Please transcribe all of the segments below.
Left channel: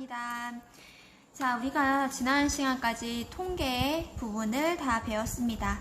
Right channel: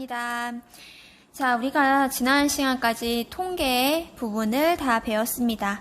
반갑습니다. 자, 우리가 지난 시간까지 통계 부분을 다 배웠습니다.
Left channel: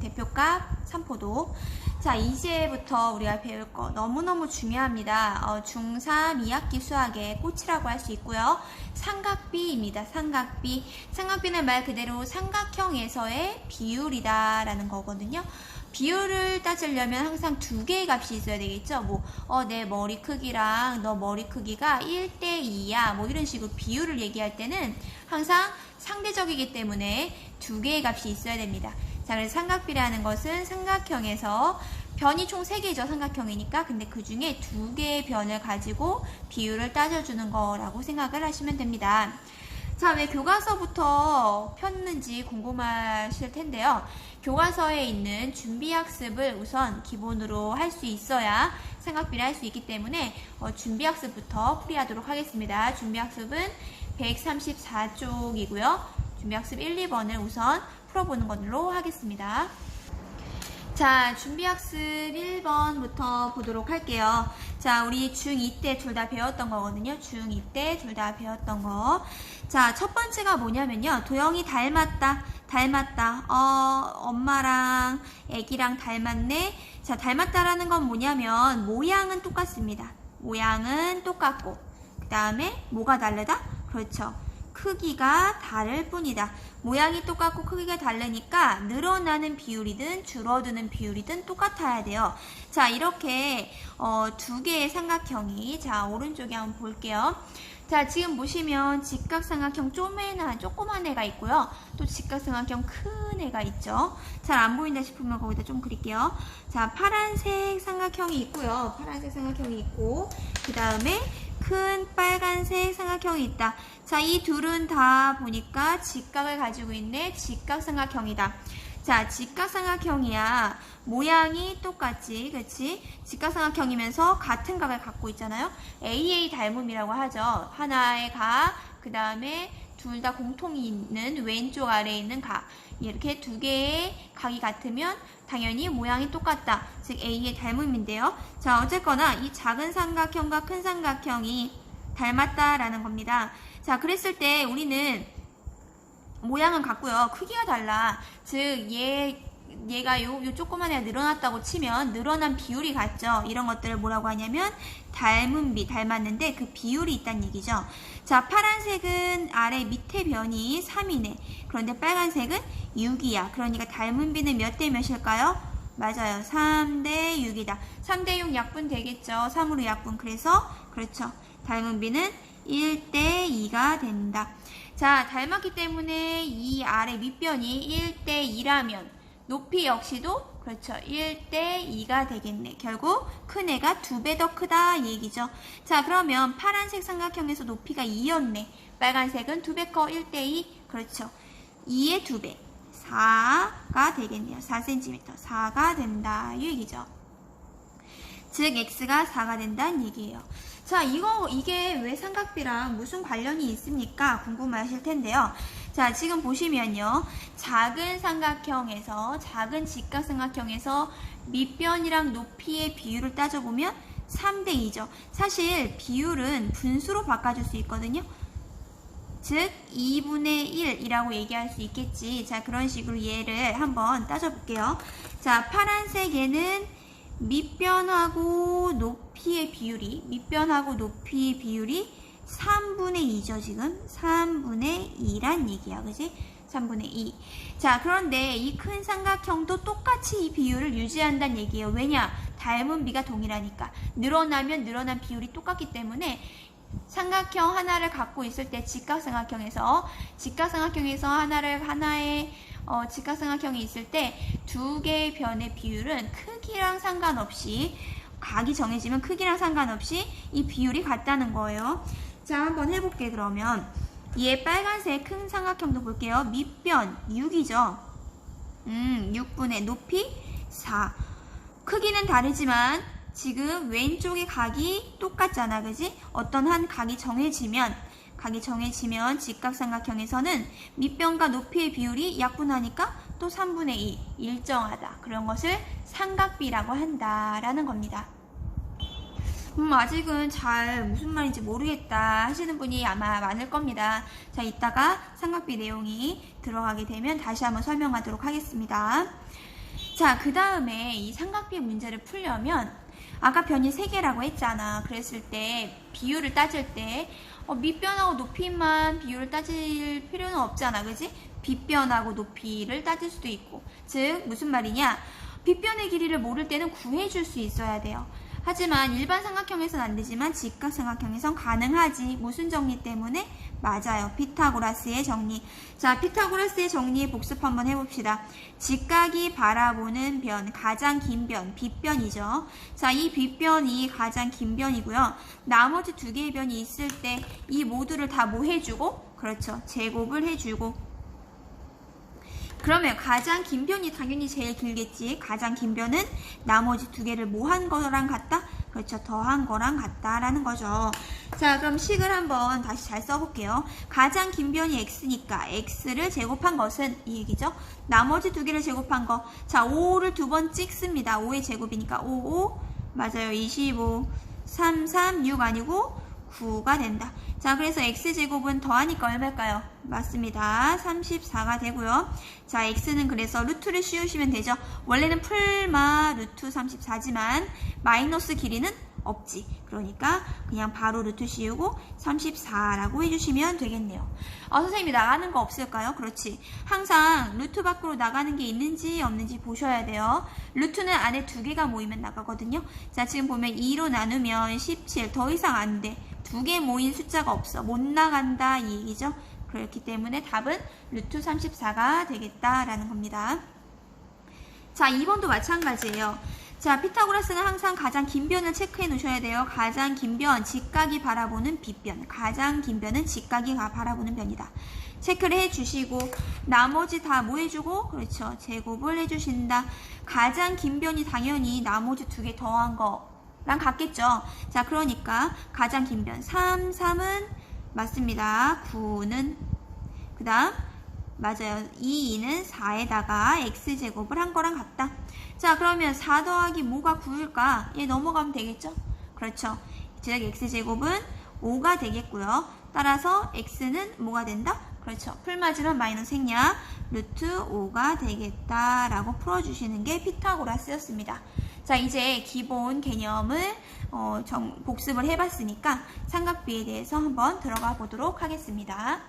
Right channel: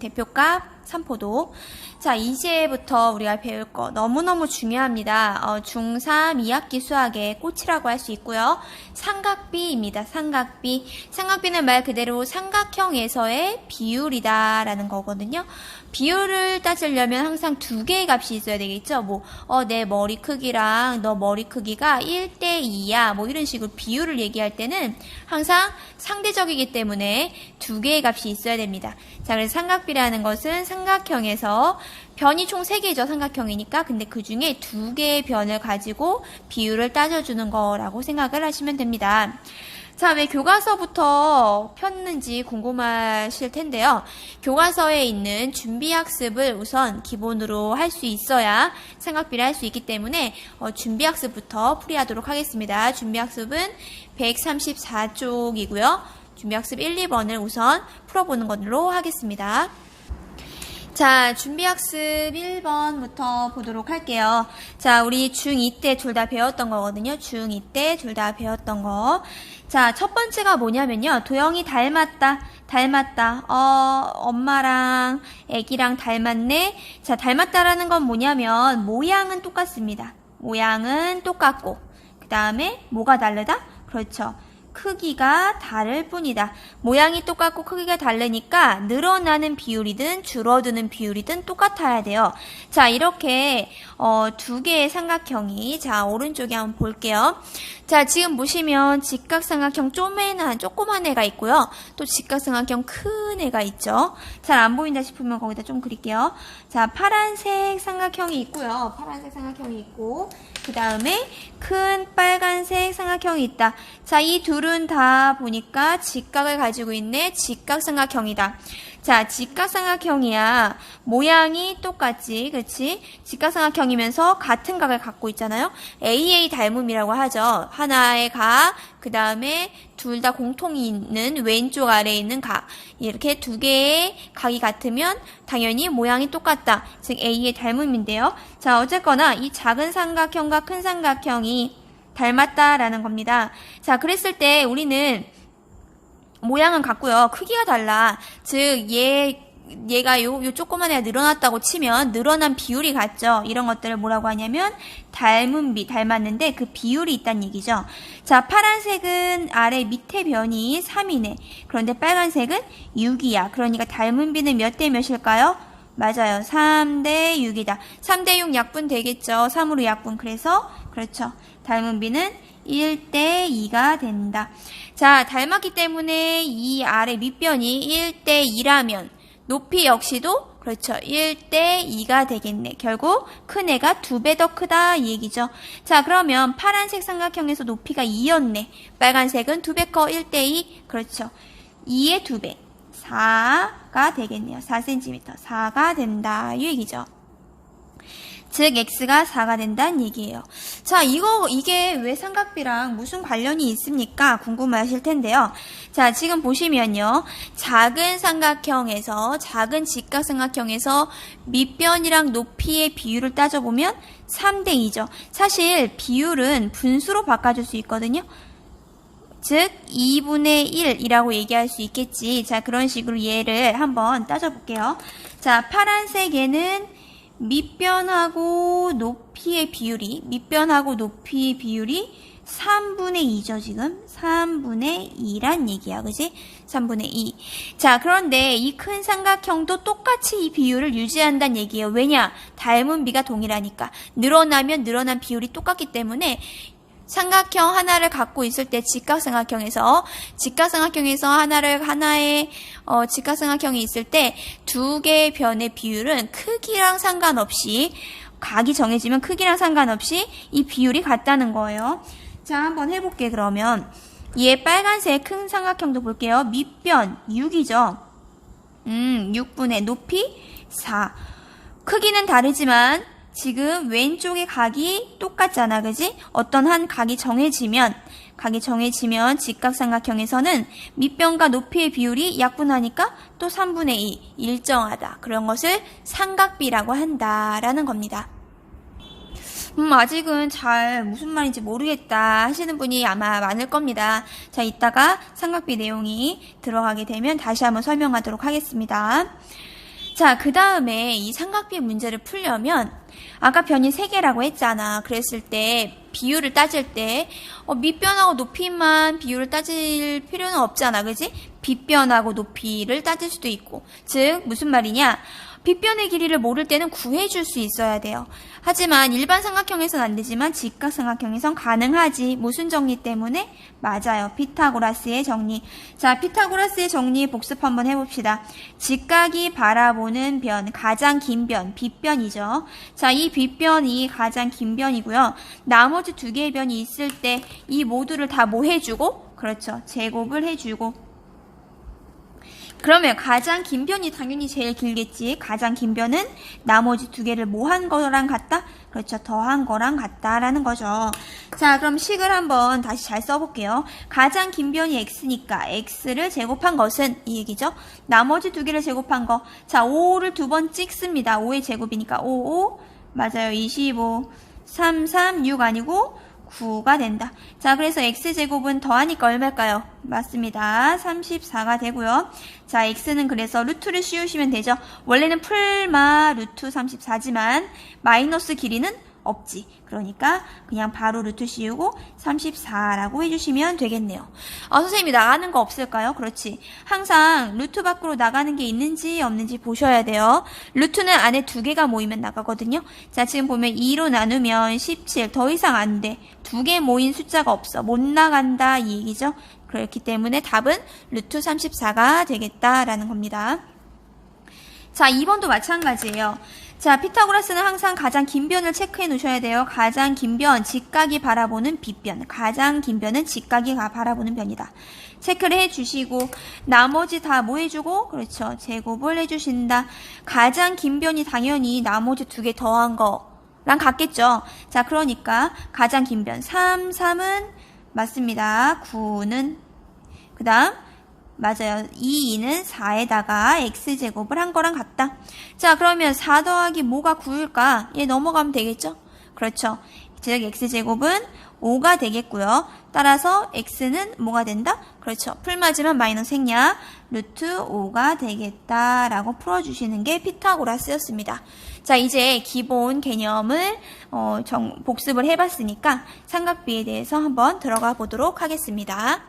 대표값, 산포도. 자, 이제부터 우리가 배울 거 너무너무 중요합니다. 중3 2학기 수학의 꽃이라고 할 수 있고요. 삼각비입니다. 삼각비. 삼각비는 말 그대로 삼각형에서의 비율이다 라는 거거든요. 비율을 따지려면 항상 두 개의 값이 있어야 되겠죠. 내 머리 크기랑 너 머리 크기가 1대2야. 이런 식으로 비율을 얘기할 때는 항상 상대적이기 때문에 두 개의 값이 있어야 됩니다. 자, 그래서 삼각비라는 것은 삼각형에서 변이 총 3개죠. 삼각형이니까. 근데 그 중에 두 개의 변을 가지고 비율을 따져주는 거라고 생각을 하시면 됩니다. 자, 왜 교과서부터 폈는지 궁금하실 텐데요. 교과서에 있는 준비학습을 우선 기본으로 할 수 있어야 삼각비를 할 수 있기 때문에 준비학습부터 풀이하도록 하겠습니다. 준비학습은 134쪽이고요. 준비학습 1, 2번을 우선 풀어보는 걸로 하겠습니다. 자, 준비학습 1번부터 보도록 할게요. 자, 우리 중2 때 둘 다 배웠던 거거든요. 중2 때 둘 다 배웠던 거. 자, 첫 번째가 뭐냐면요. 도영이 닮았다. 엄마랑 애기랑 닮았네. 자, 닮았다라는 건 뭐냐면 모양은 똑같습니다. 모양은 똑같고 그 다음에 뭐가 다르다? 그렇죠. 크기가 다를 뿐이다. 모양이 똑같고 크기가 다르니까 늘어나는 비율이든 줄어드는 비율이든 똑같아야 돼요. 자, 이렇게 두 개의 삼각형이, 자, 오른쪽에 한번 볼게요. 자, 지금 보시면 직각삼각형 조그만 애가 있고요. 또 직각삼각형 큰 애가 있죠. 잘 안 보인다 싶으면 거기다 좀 그릴게요. 자, 파란색 삼각형이 있고요. 파란색 삼각형이 있고 그 다음에 큰 빨간색 삼각형이 있다. 자, 이 둘은 다 보니까 직각을 가지고 있네. 직각삼각형이다. 자, 직각삼각형이야. 모양이 똑같지, 그치? 직각삼각형이면서 같은 각을 갖고 있잖아요. AA 닮음이라고 하죠. 하나의 각, 그 다음에 둘 다 공통이 있는 왼쪽 아래에 있는 각. 이렇게 두 개의 각이 같으면 당연히 모양이 똑같다. 즉 A의 닮음인데요. 자, 어쨌거나 이 작은 삼각형과 큰 삼각형이 닮았다라는 겁니다. 자, 그랬을 때 우리는 모양은 같고요. 크기가 달라. 즉 얘가 요 조그만 애가 늘어났다고 치면 늘어난 비율이 같죠. 이런 것들을 뭐라고 하냐면 닮은 비, 닮았는데 그 비율이 있다는 얘기죠. 자, 파란색은 아래 밑에 변이 3이네. 그런데 빨간색은 6이야. 그러니까 닮은 비는 몇 대 몇일까요? 맞아요. 3대 6이다. 3대 6 약분 되겠죠. 3으로 약분. 그래서 그렇죠. 닮은 비는 1대 2가 된다. 자, 닮았기 때문에 이 아래 밑변이 1대 2라면 높이 역시도 그렇죠. 1대 2가 되겠네. 결국 큰 애가 2배 더 크다 이 얘기죠. 자, 그러면 파란색 삼각형에서 높이가 2였네. 빨간색은 2배 커 1대 2. 그렇죠. 2의 2배. 4가 되겠네요. 4cm. 4가 된다 이 얘기죠. 즉 x가 4가 된다는 얘기예요. 자, 이게 왜 삼각비랑 무슨 관련이 있습니까? 궁금하실 텐데요. 자, 지금 보시면요. 작은 삼각형에서, 작은 직각삼각형에서 밑변이랑 높이의 비율을 따져보면 3대 2죠. 사실 비율은 분수로 바꿔줄 수 있거든요. 즉 2분의 1이라고 얘기할 수 있겠지. 자, 그런 식으로 얘를 한번 따져볼게요. 자, 파란색에는 밑변하고 높이의 비율이 3분의 2죠, 지금. 3분의 2란 얘기야, 그지? 3분의 2. 자, 그런데 이 큰 삼각형도 똑같이 이 비율을 유지한다는 얘기예요. 왜냐? 닮은 비가 동일하니까. 늘어나면 늘어난 비율이 똑같기 때문에 삼각형 하나를 갖고 있을 때 직각삼각형에서 하나의 직각삼각형이 있을 때 두 개의 변의 비율은 크기랑 상관없이 각이 정해지면 크기랑 상관없이 이 비율이 같다는 거예요. 자, 한번 해볼게. 그러면 얘 빨간색 큰 삼각형도 볼게요. 밑변 6이죠. 6분의 높이 4. 크기는 다르지만 지금 왼쪽의 각이 똑같잖아, 그지? 어떤 한 각이 정해지면 직각삼각형에서는 밑변과 높이의 비율이 약분하니까 또 3분의 2 일정하다. 그런 것을 삼각비라고 한다라는 겁니다. 아직은 잘 무슨 말인지 모르겠다 하시는 분이 아마 많을 겁니다. 자, 이따가 삼각비 내용이 들어가게 되면 다시 한번 설명하도록 하겠습니다. 자, 그 다음에 이 삼각비 문제를 풀려면 아까 변이 3개라고 했잖아. 그랬을 때 비율을 따질 때 밑변하고 높이만 비율을 따질 필요는 없잖아. 그지? 빗변하고 높이를 따질 수도 있고. 즉 무슨 말이냐? 빗변의 길이를 모를 때는 구해줄 수 있어야 돼요. 하지만 일반 삼각형에선 안 되지만 직각삼각형에선 가능하지. 무슨 정리 때문에? 맞아요. 피타고라스의 정리. 자, 피타고라스의 정리 복습 한번 해봅시다. 직각이 바라보는 변, 가장 긴 변, 빗변이죠. 자, 이 빗변이 가장 긴 변이고요. 나머지 2개의 변이 있을 때 이 모두를 다 뭐 해주고? 그렇죠. 제곱을 해주고. 그러면 가장 긴 변이 당연히 제일 길겠지. 가장 긴 변은 나머지 2개를 뭐 한 거랑 같다? 그렇죠. 더한 거랑 같다라는 거죠. 자, 그럼 식을 한번 다시 잘 써볼게요. 가장 긴 변이 x니까 x를 제곱한 것은 이 얘기죠. 나머지 2개를 제곱한 거. 자, 5를 2번 찍습니다. 5의 제곱이니까 5, 맞아요. 25, 3, 6 아니고 9가 된다. 자, 그래서 x제곱은 더하니까 얼마일까요? 맞습니다. 34가 되고요. 자, x는 그래서 루트를 씌우시면 되죠. 원래는 풀마 루트 34지만 마이너스 길이는 없지. 그러니까 그냥 바로 루트 씌우고 34라고 해주시면 되겠네요. 선생님이 나가는 거 없을까요? 그렇지. 항상 루트 밖으로 나가는 게 있는지 없는지 보셔야 돼요. 루트는 안에 2개가 모이면 나가거든요. 자, 지금 보면 2로 나누면 17. 더 이상 안 돼. 2개 모인 숫자가 없어. 못 나간다 이 얘기죠. 그렇기 때문에 답은 루트 34가 되겠다라는 겁니다. 자, 2번도 마찬가지예요. 자, 피타고라스는 항상 가장 긴 변을 체크해 놓으셔야 돼요. 가장 긴 변, 직각이 바라보는 빗변. 가장 긴 변은 직각이 바라보는 변이다. 체크를 해주시고 나머지 다 뭐 해주고? 그렇죠. 제곱을 해주신다. 가장 긴 변이 당연히 나머지 2개 더한 거랑 같겠죠. 자, 그러니까 가장 긴 변 3은 맞습니다. 9는 그 다음 맞아요. 2는 4에다가 x제곱을 한 거랑 같다. 자, 그러면 4 더하기 뭐가 9일까? 얘 넘어가면 되겠죠? 그렇죠. 즉 x제곱은 5가 되겠고요. 따라서 x는 뭐가 된다? 그렇죠. 풀맞으면 마이너스 생략 루트 5가 되겠다라고 풀어주시는 게 피타고라스였습니다. 자, 이제 기본 개념을 복습을 해봤으니까 삼각비에 대해서 한번 들어가 보도록 하겠습니다.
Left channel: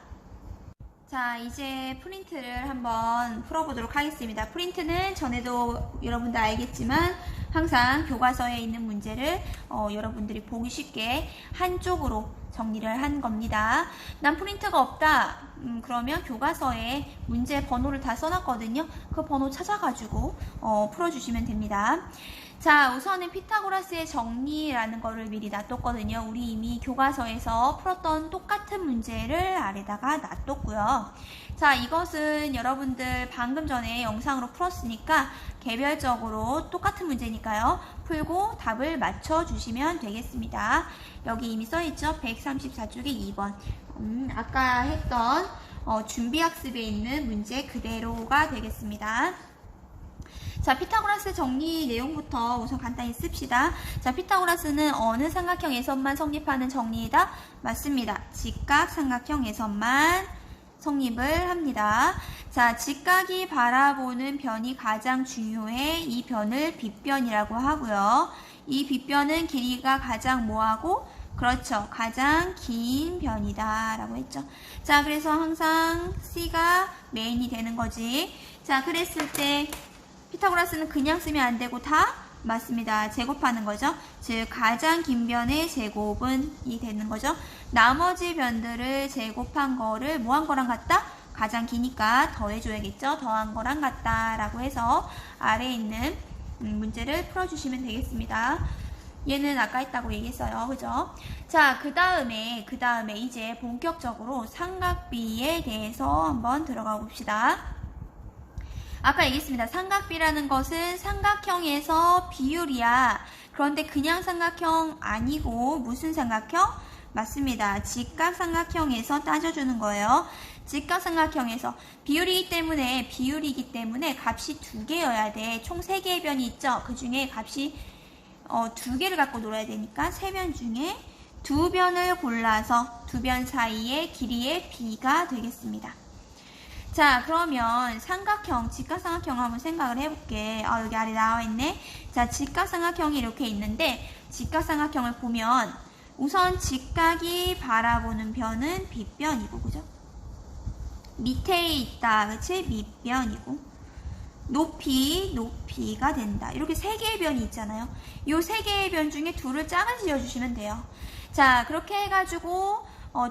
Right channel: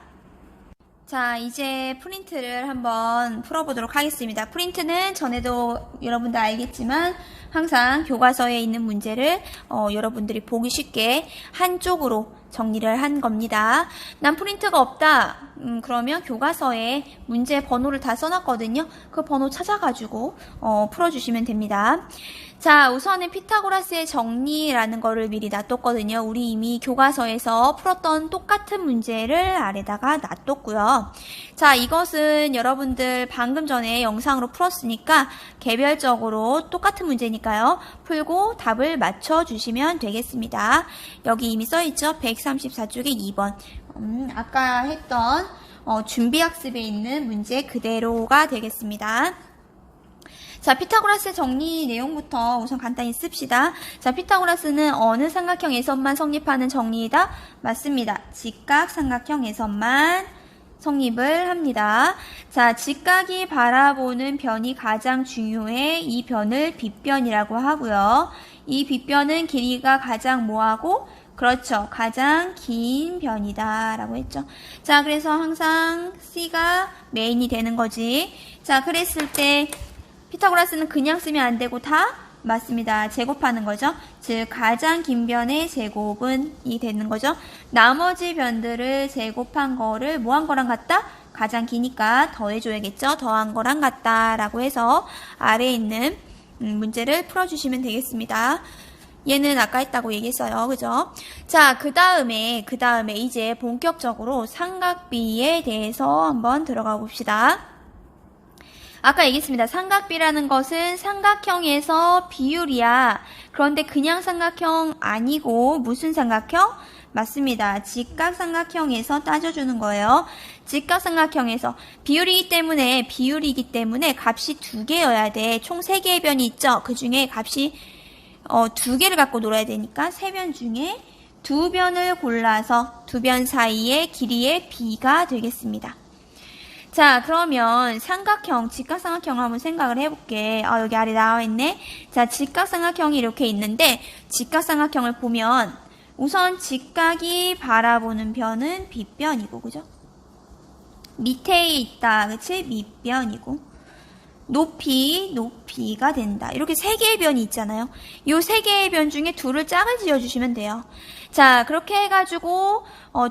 자, 이제 프린트를 한번 풀어보도록 하겠습니다. 프린트는 전에도 여러분들 알겠지만 항상 교과서에 있는 문제를 여러분들이 보기 쉽게 한쪽으로 정리를 한 겁니다. 난 프린트가 없다. 그러면 교과서에 문제 번호를 다 써놨거든요. 그 번호 찾아가지고 풀어주시면 됩니다. 자, 우선은 피타고라스의 정리라는 거를 미리 놔뒀거든요. 우리 이미 교과서에서 풀었던 똑같은 문제를 아래다가 놔뒀고요. 자, 이것은 여러분들 방금 전에 영상으로 풀었으니까 개별적으로 똑같은 문제니까요. 풀고 답을 맞춰주시면 되겠습니다. 여기 이미 써있죠? 134쪽에 2번. 아까 했던 준비학습에 있는 문제 그대로가 되겠습니다. 자, 피타고라스 정리 내용부터 우선 간단히 씁시다. 자, 피타고라스는 어느 삼각형에서만 성립하는 정리이다? 맞습니다. 직각삼각형에서만 성립을 합니다. 자, 직각이 바라보는 변이 가장 중요해. 이 변을 빗변이라고 하고요. 이 빗변은 길이가 가장 뭐하고? 그렇죠. 가장 긴 변이다 라고 했죠. 자, 그래서 항상 C가 메인이 되는 거지. 자, 그랬을 때 피타고라스는 그냥 쓰면 안 되고 다 맞습니다. 제곱하는 거죠. 즉 가장 긴 변의 제곱은 이 되는 거죠. 나머지 변들을 제곱한 거를 뭐 한 거랑 같다? 가장 기니까 더해줘야겠죠. 더한 거랑 같다 라고 해서 아래에 있는 문제를 풀어주시면 되겠습니다. 얘는 아까 했다고 얘기했어요. 그죠? 자, 그 다음에 이제 본격적으로 삼각비에 대해서 한번 들어가 봅시다. 아까 얘기했습니다. 삼각비라는 것은 삼각형에서 비율이야. 그런데 그냥 삼각형 아니고 무슨 삼각형? 맞습니다. 직각삼각형에서 따져주는 거예요. 직각삼각형에서 비율이기 때문에 값이 2개여야 돼. 총 3개의 변이 있죠. 그 중에 값이 두 개를 갖고 놀아야 되니까 세 변 중에 두 변을 골라서 두 변 사이의 길이의 b가 되겠습니다. 자, 그러면 삼각형, 직각삼각형을 한번 생각을 해볼게. 여기 아래 나와있네. 자, 직각삼각형이 이렇게 있는데 직각삼각형을 보면 우선 직각이 바라보는 변은 빗변이고, 그죠? 밑에 있다, 그치? 밑변이고. 높이가 된다. 이렇게 세 개의 변이 있잖아요. 이 세 개의 변 중에 둘을 짝을 지어주시면 돼요. 자, 그렇게 해가지고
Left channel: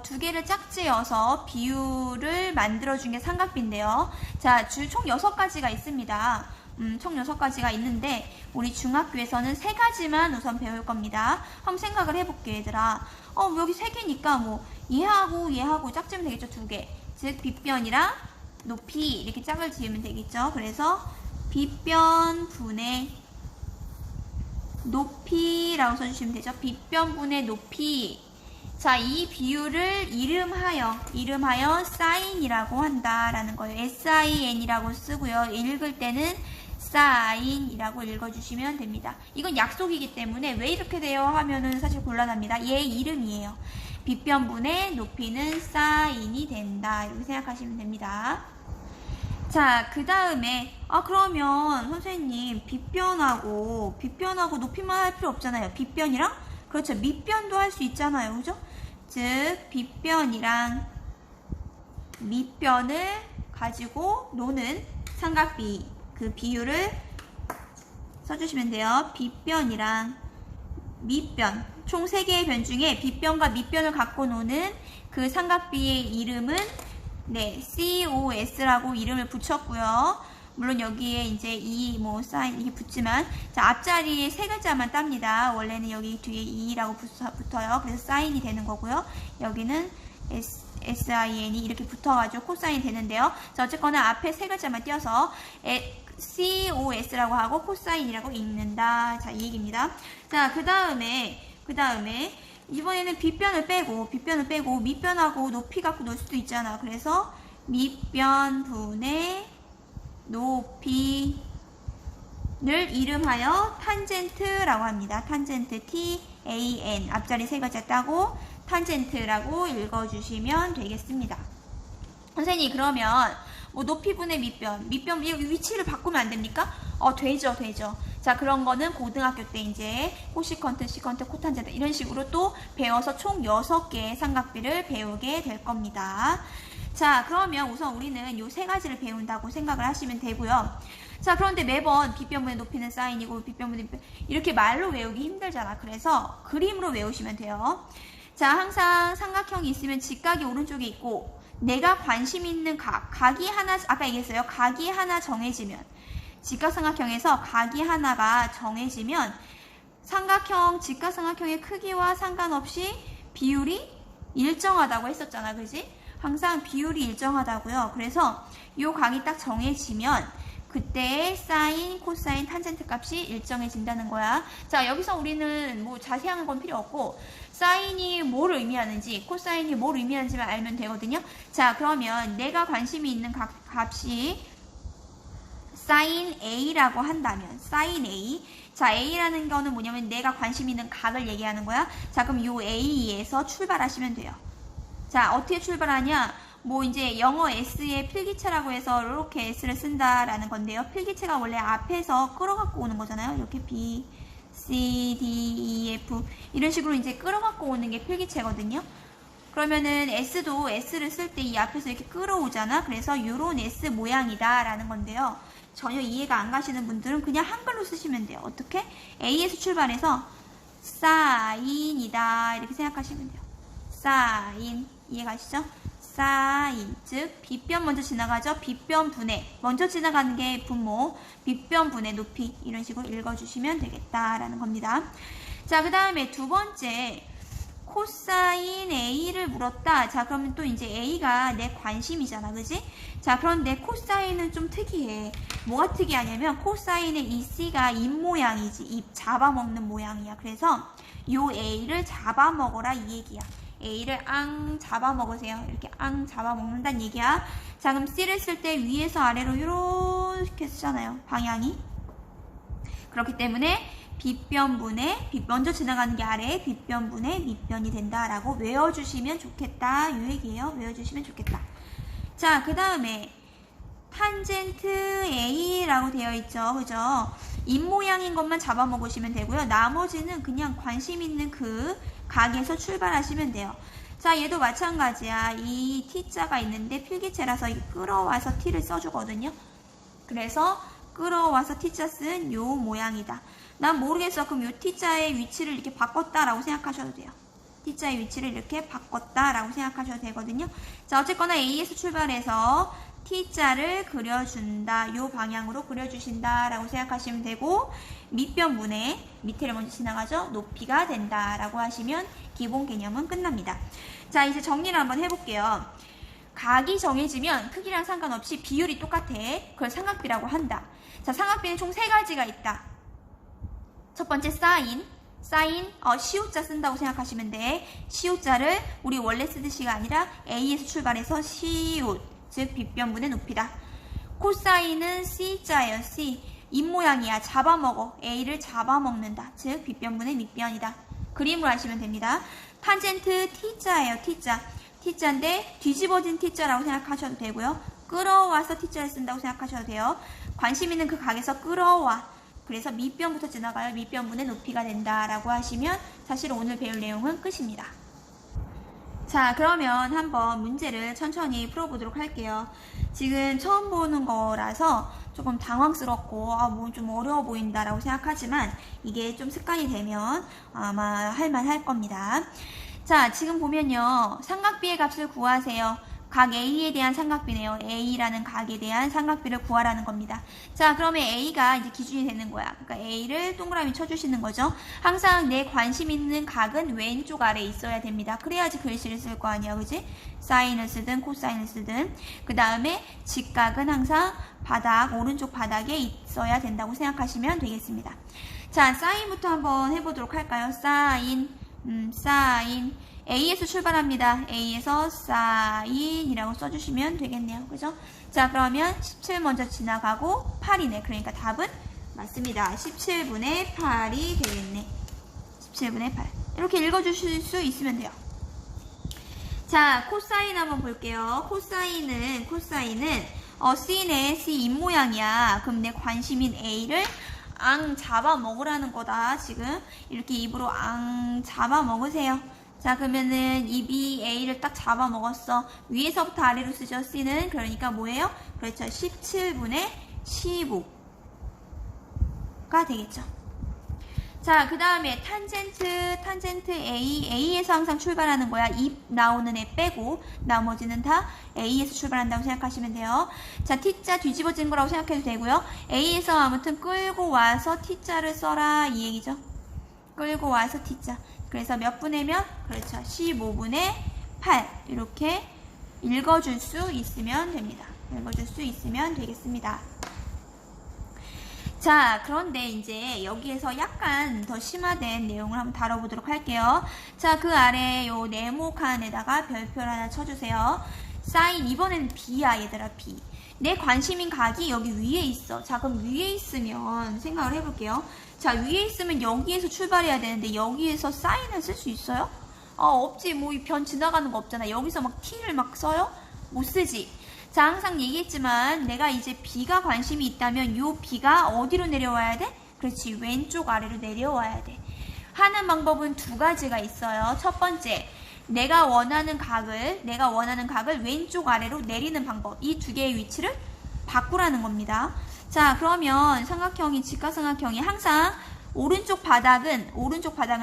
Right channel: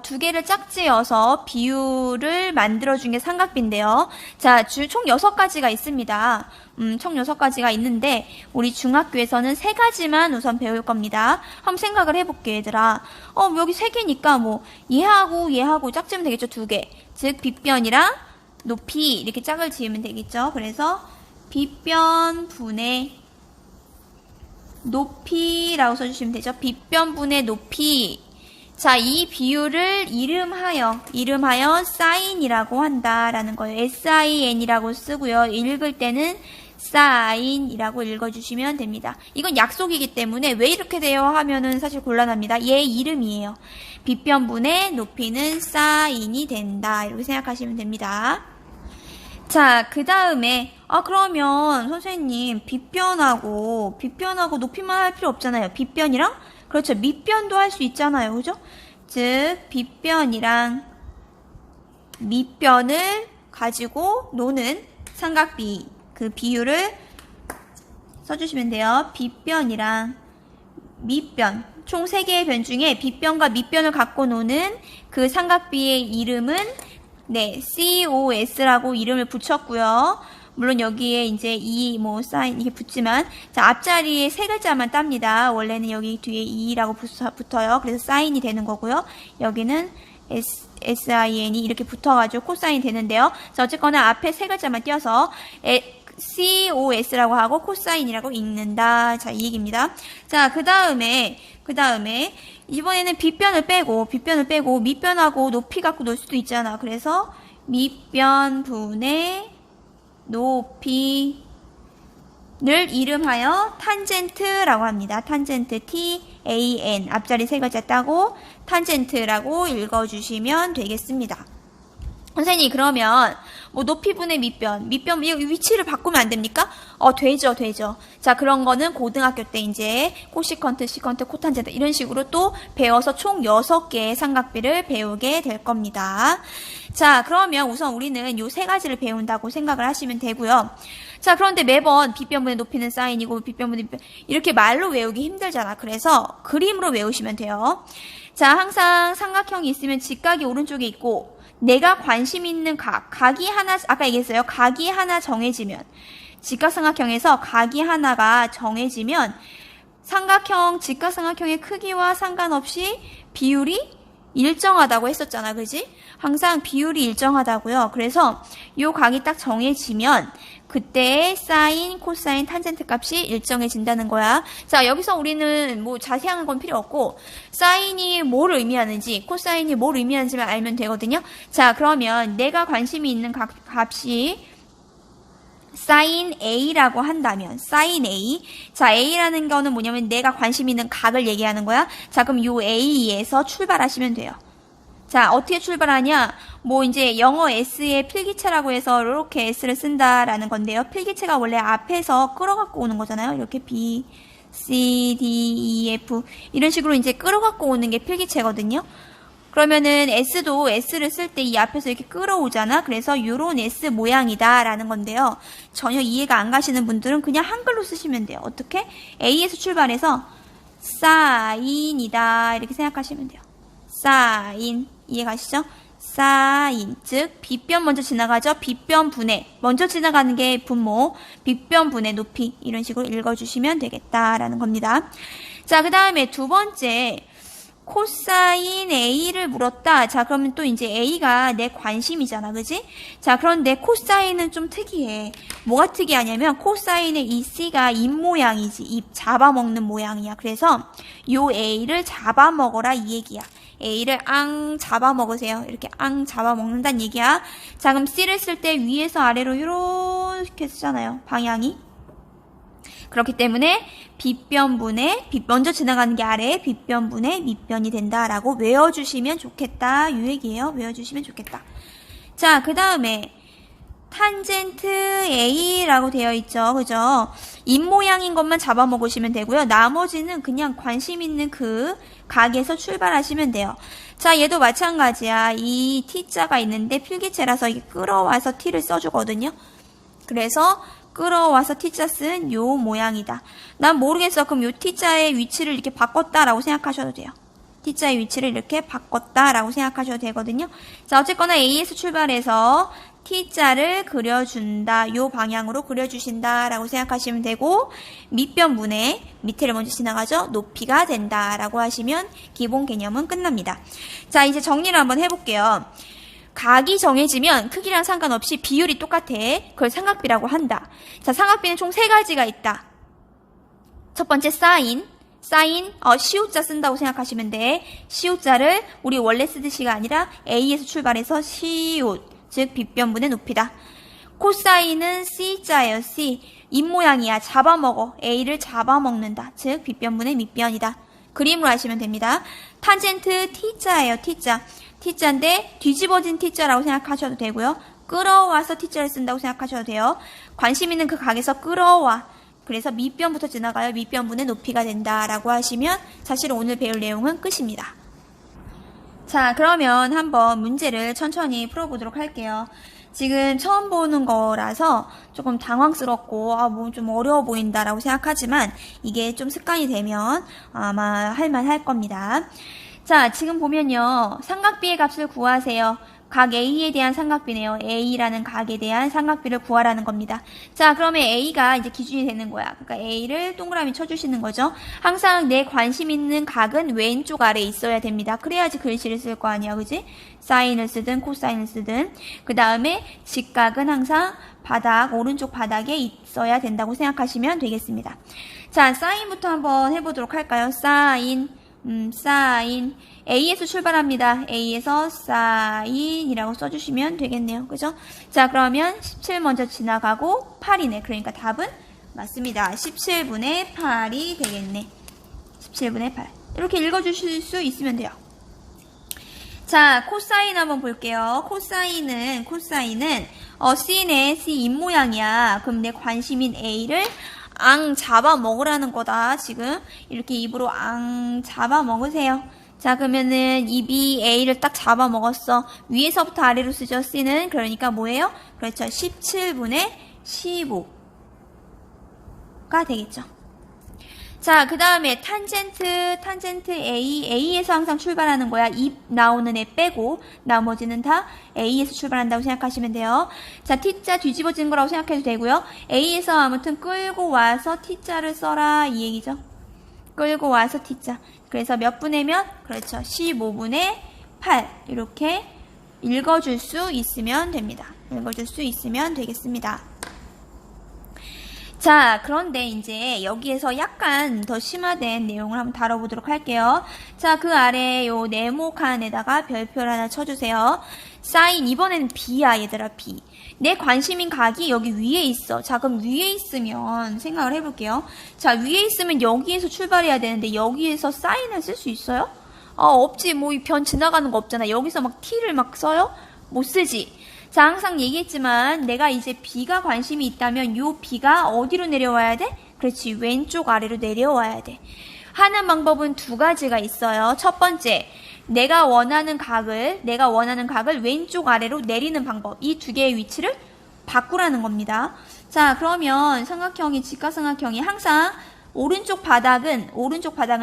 두 개를 짝지어서 비율을 만들어준 게 삼각비인데요. 자, 총 6가지가 있습니다. 총 6가지가 있는데 우리 중학교에서는 3가지만 우선 배울 겁니다. 한번 생각을 해볼게, 얘들아. 여기 3개니까 뭐 얘하고 짝지으면 되겠죠, 2개. 즉 빗변이랑 높이 이렇게 짝을 지으면 되겠죠. 그래서 빗변분의 높이라고 써주시면 되죠. 빗변분의 높이. 자, 이 비율을 이름하여 사인이라고 한다라는 거예요. SIN이라고 쓰고요. 읽을 때는 사인이라고 읽어주시면 됩니다. 이건 약속이기 때문에 왜 이렇게 돼요 하면은 사실 곤란합니다. 얘 이름이에요. 빗변분의 높이는 사인이 된다. 이렇게 생각하시면 됩니다. 자, 그 다음에 그러면 선생님 빗변하고 높이만 할 필요 없잖아요. 빗변이랑 그렇죠. 밑변도 할 수 있잖아요. 그죠? 즉 빗변이랑 밑변을 가지고 노는 삼각비 그 비율을 써주시면 돼요. 빗변이랑 밑변 총 3개의 변 중에 빗변과 밑변을 갖고 노는 그 삼각비의 이름은 COS라고 이름을 붙였고요. 물론 여기에 이제 사인 이게 붙지만 자, 앞자리에 3글자만 땁니다. 원래는 여기 뒤에 2라고 붙어요. 그래서 사인이 되는 거고요. 여기는 SIN이 이렇게 붙어가지고 코사인이 되는데요. 자, 어쨌거나 앞에 3글자만 띄어서 COS라고 하고 코사인이라고 읽는다. 자, 이 얘기입니다. 자, 그 다음에 이번에는 빗변을 빼고 밑변하고 높이 갖고 놀 수도 있잖아. 그래서 밑변분의 높이를 이름하여 탄젠트라고 합니다. 탄젠트 TAN 앞자리 3글자 따고 탄젠트라고 읽어주시면 되겠습니다. 선생님 그러면 높이분의 밑변 위치를 바꾸면 안 됩니까? 되죠. 자, 그런 거는 고등학교 때 이제 코시컨트, 시컨트, 코탄젠트 이런 식으로 또 배워서 총 6개의 삼각비를 배우게 될 겁니다. 자, 그러면 우선 우리는 요 3가지를 배운다고 생각을 하시면 되고요. 자, 그런데 매번 빗변분의 높이는 사인이고 빗변분의 이렇게 말로 외우기 힘들잖아. 그래서 그림으로 외우시면 돼요. 자, 항상 삼각형이 있으면 직각이 오른쪽에 있고 내가 관심 있는 각이 하나, 아까 얘기했어요. 각이 하나 정해지면, 직각삼각형에서 각이 하나가 정해지면, 직각삼각형의 크기와 상관없이 비율이 일정하다고 했었잖아. 그지? 항상 비율이 일정하다고요. 그래서 요 각이 딱 정해지면, 그때 사인, 코사인, 탄젠트 값이 일정해진다는 거야. 자, 여기서 우리는 자세한 건 필요 없고 사인이 뭘 의미하는지, 코사인이 뭘 의미하는지만 알면 되거든요. 자, 그러면 내가 관심이 있는 값이 사인 A라고 한다면 사인 A. 자, A라는 거는 뭐냐면 내가 관심 있는 각을 얘기하는 거야. 자, 그럼 요 A에서 출발하시면 돼요. 자, 어떻게 출발하냐? 이제 영어 S의 필기체라고 해서 이렇게 S를 쓴다라는 건데요. 필기체가 원래 앞에서 끌어갖고 오는 거잖아요. 이렇게 B, C, D, E, F 이런 식으로 이제 끌어갖고 오는 게 필기체거든요. 그러면은 S도 S를 쓸 때 이 앞에서 이렇게 끌어오잖아. 그래서 요런 S 모양이다 라는 건데요. 전혀 이해가 안 가시는 분들은 그냥 한글로 쓰시면 돼요. 어떻게? A에서 출발해서 사인이다 이렇게 생각하시면 돼요. 사인 이해가시죠? 사인 즉 빗변 먼저 지나가죠. 빗변분의 먼저 지나가는 게 분모 빗변분의 높이 이런 식으로 읽어주시면 되겠다라는 겁니다. 자, 그 다음에 두 번째 코사인 A를 물었다. 자, 그러면 또 이제 A가 내 관심이잖아. 그지? 자, 그런데 코사인은 좀 특이해. 뭐가 특이하냐면 코사인의 이 C가 입 모양이지. 입 잡아먹는 모양이야. 그래서 요 A를 잡아먹어라 이 얘기야. A를 잡아먹으세요. 이렇게 잡아먹는다는 얘기야. 자, 그럼 C를 쓸 때 위에서 아래로 이렇게 쓰잖아요. 방향이. 그렇기 때문에 빗변분의 먼저 지나가는 게 아래 빗변분의 밑변이 된다라고 외워주시면 좋겠다. 이 얘기예요. 외워주시면 좋겠다. 자, 그 다음에 탄젠트 A라고 되어 있죠. 그죠? 입모양인 것만 잡아먹으시면 되고요. 나머지는 그냥 관심 있는 그 각에서 출발하시면 돼요. 자, 얘도 마찬가지야. 이 T자가 있는데 필기체라서 이게 끌어와서 T를 써주거든요. 그래서 끌어와서 T자 쓴 요 모양이다. 난 모르겠어. 그럼 요 T자의 위치를 이렇게 바꿨다라고 생각하셔도 돼요. T자의 위치를 이렇게 바꿨다라고 생각하셔도 되거든요. 자, 어쨌거나 A에서 출발해서 T자를 그려준다. 요 방향으로 그려주신다라고 생각하시면 되고, 밑변분의 밑에를 먼저 지나가죠. 높이가 된다라고 하시면 기본 개념은 끝납니다. 자, 이제 정리를 한번 해볼게요. 각이 정해지면 크기랑 상관없이 비율이 똑같아. 그걸 삼각비라고 한다. 자, 삼각비는 총 3가지가 있다. 첫 번째 사인, 시오자 쓴다고 생각하시면 돼. 시오자를 우리 원래 쓰듯이가 아니라 A에서 출발해서 시오, 즉 빗변분의 높이다. 코사인은 C자예요. C. 입모양이야. 잡아먹어. A를 잡아먹는다. 즉 빗변분의 밑변이다. 그림으로 하시면 됩니다. 탄젠트 T자예요. T자. T자인데 뒤집어진 T자라고 생각하셔도 되고요. 끌어와서 T자를 쓴다고 생각하셔도 돼요. 관심 있는 그 각에서 끌어와. 그래서 밑변부터 지나가요. 밑변분의 높이가 된다라고 하시면 사실 오늘 배울 내용은 끝입니다. 자, 그러면 한번 문제를 천천히 풀어보도록 할게요. 지금 처음 보는 거라서 조금 당황스럽고 뭐 좀 어려워 보인다라고 생각하지만 이게 좀 습관이 되면 아마 할만할 겁니다. 자, 지금 보면요. 삼각비의 값을 구하세요. 각 A에 대한 삼각비네요. A라는 각에 대한 삼각비를 구하라는 겁니다. 자, 그러면 A가 이제 기준이 되는 거야. 그러니까 A를 동그라미 쳐주시는 거죠. 항상 내 관심 있는 각은 왼쪽 아래에 있어야 됩니다. 그래야지 글씨를 쓸 거 아니야. 그지? 사인을 쓰든 코사인을 쓰든. 그 다음에 직각은 항상 오른쪽 바닥에 있어야 된다고 생각하시면 되겠습니다. 자, 사인부터 한번 해보도록 할까요? 사인. A에서 출발합니다. A에서 사인이라고 써주시면 되겠네요. 그죠? 자, 그러면 17 먼저 지나가고 8이네. 그러니까 답은 맞습니다. 17분의 8이 되겠네. 17분의 8. 이렇게 읽어주실 수 있으면 돼요. 자, 코사인 한번 볼게요. 코사인은 C네. C 입모양이야. 그럼 내 관심인 A를 잡아먹으라는 거다. 지금 이렇게 입으로 잡아먹으세요. 자, 그러면은 입이 A를 딱 잡아먹었어. 위에서부터 아래로 쓰죠. C는. 그러니까 뭐예요? 그렇죠. 17분의 15가 되겠죠. 자, 그 다음에 탄젠트 A에서 항상 출발하는 거야. 입 나오는 애 빼고 나머지는 다 A에서 출발한다고 생각하시면 돼요. 자, T자 뒤집어진 거라고 생각해도 되고요. A에서 아무튼 끌고 와서 T자를 써라 이 얘기죠. 끌고 와서 T자. 그래서 몇 분의 몇? 그렇죠. 15분의 8 이렇게 읽어줄 수 있으면 됩니다. 읽어줄 수 있으면 되겠습니다. 자, 그런데 이제 여기에서 약간 더 심화된 내용을 한번 다뤄보도록 할게요. 자, 그 아래 요 네모칸에다가 별표를 하나 쳐주세요. 사인, 이번에는 B야, 얘들아, B. 내 관심인 각이 여기 위에 있어. 자, 그럼 위에 있으면 생각을 해볼게요. 자, 위에 있으면 여기에서 출발해야 되는데 여기에서 사인을 쓸 수 있어요? 없지. 뭐 이 변 지나가는 거 없잖아. 여기서 막 T를 막 써요? 못 쓰지. 자, 항상 얘기했지만 내가 이제 B가 관심이 있다면 요 B가 어디로 내려와야 돼? 그렇지. 왼쪽 아래로 내려와야 돼. 하는 방법은 2가지가 있어요. 첫 번째, 내가 원하는 각을 왼쪽 아래로 내리는 방법. 이 2개의 위치를 바꾸라는 겁니다. 자, 그러면 직각삼각형이 항상 오른쪽 바닥은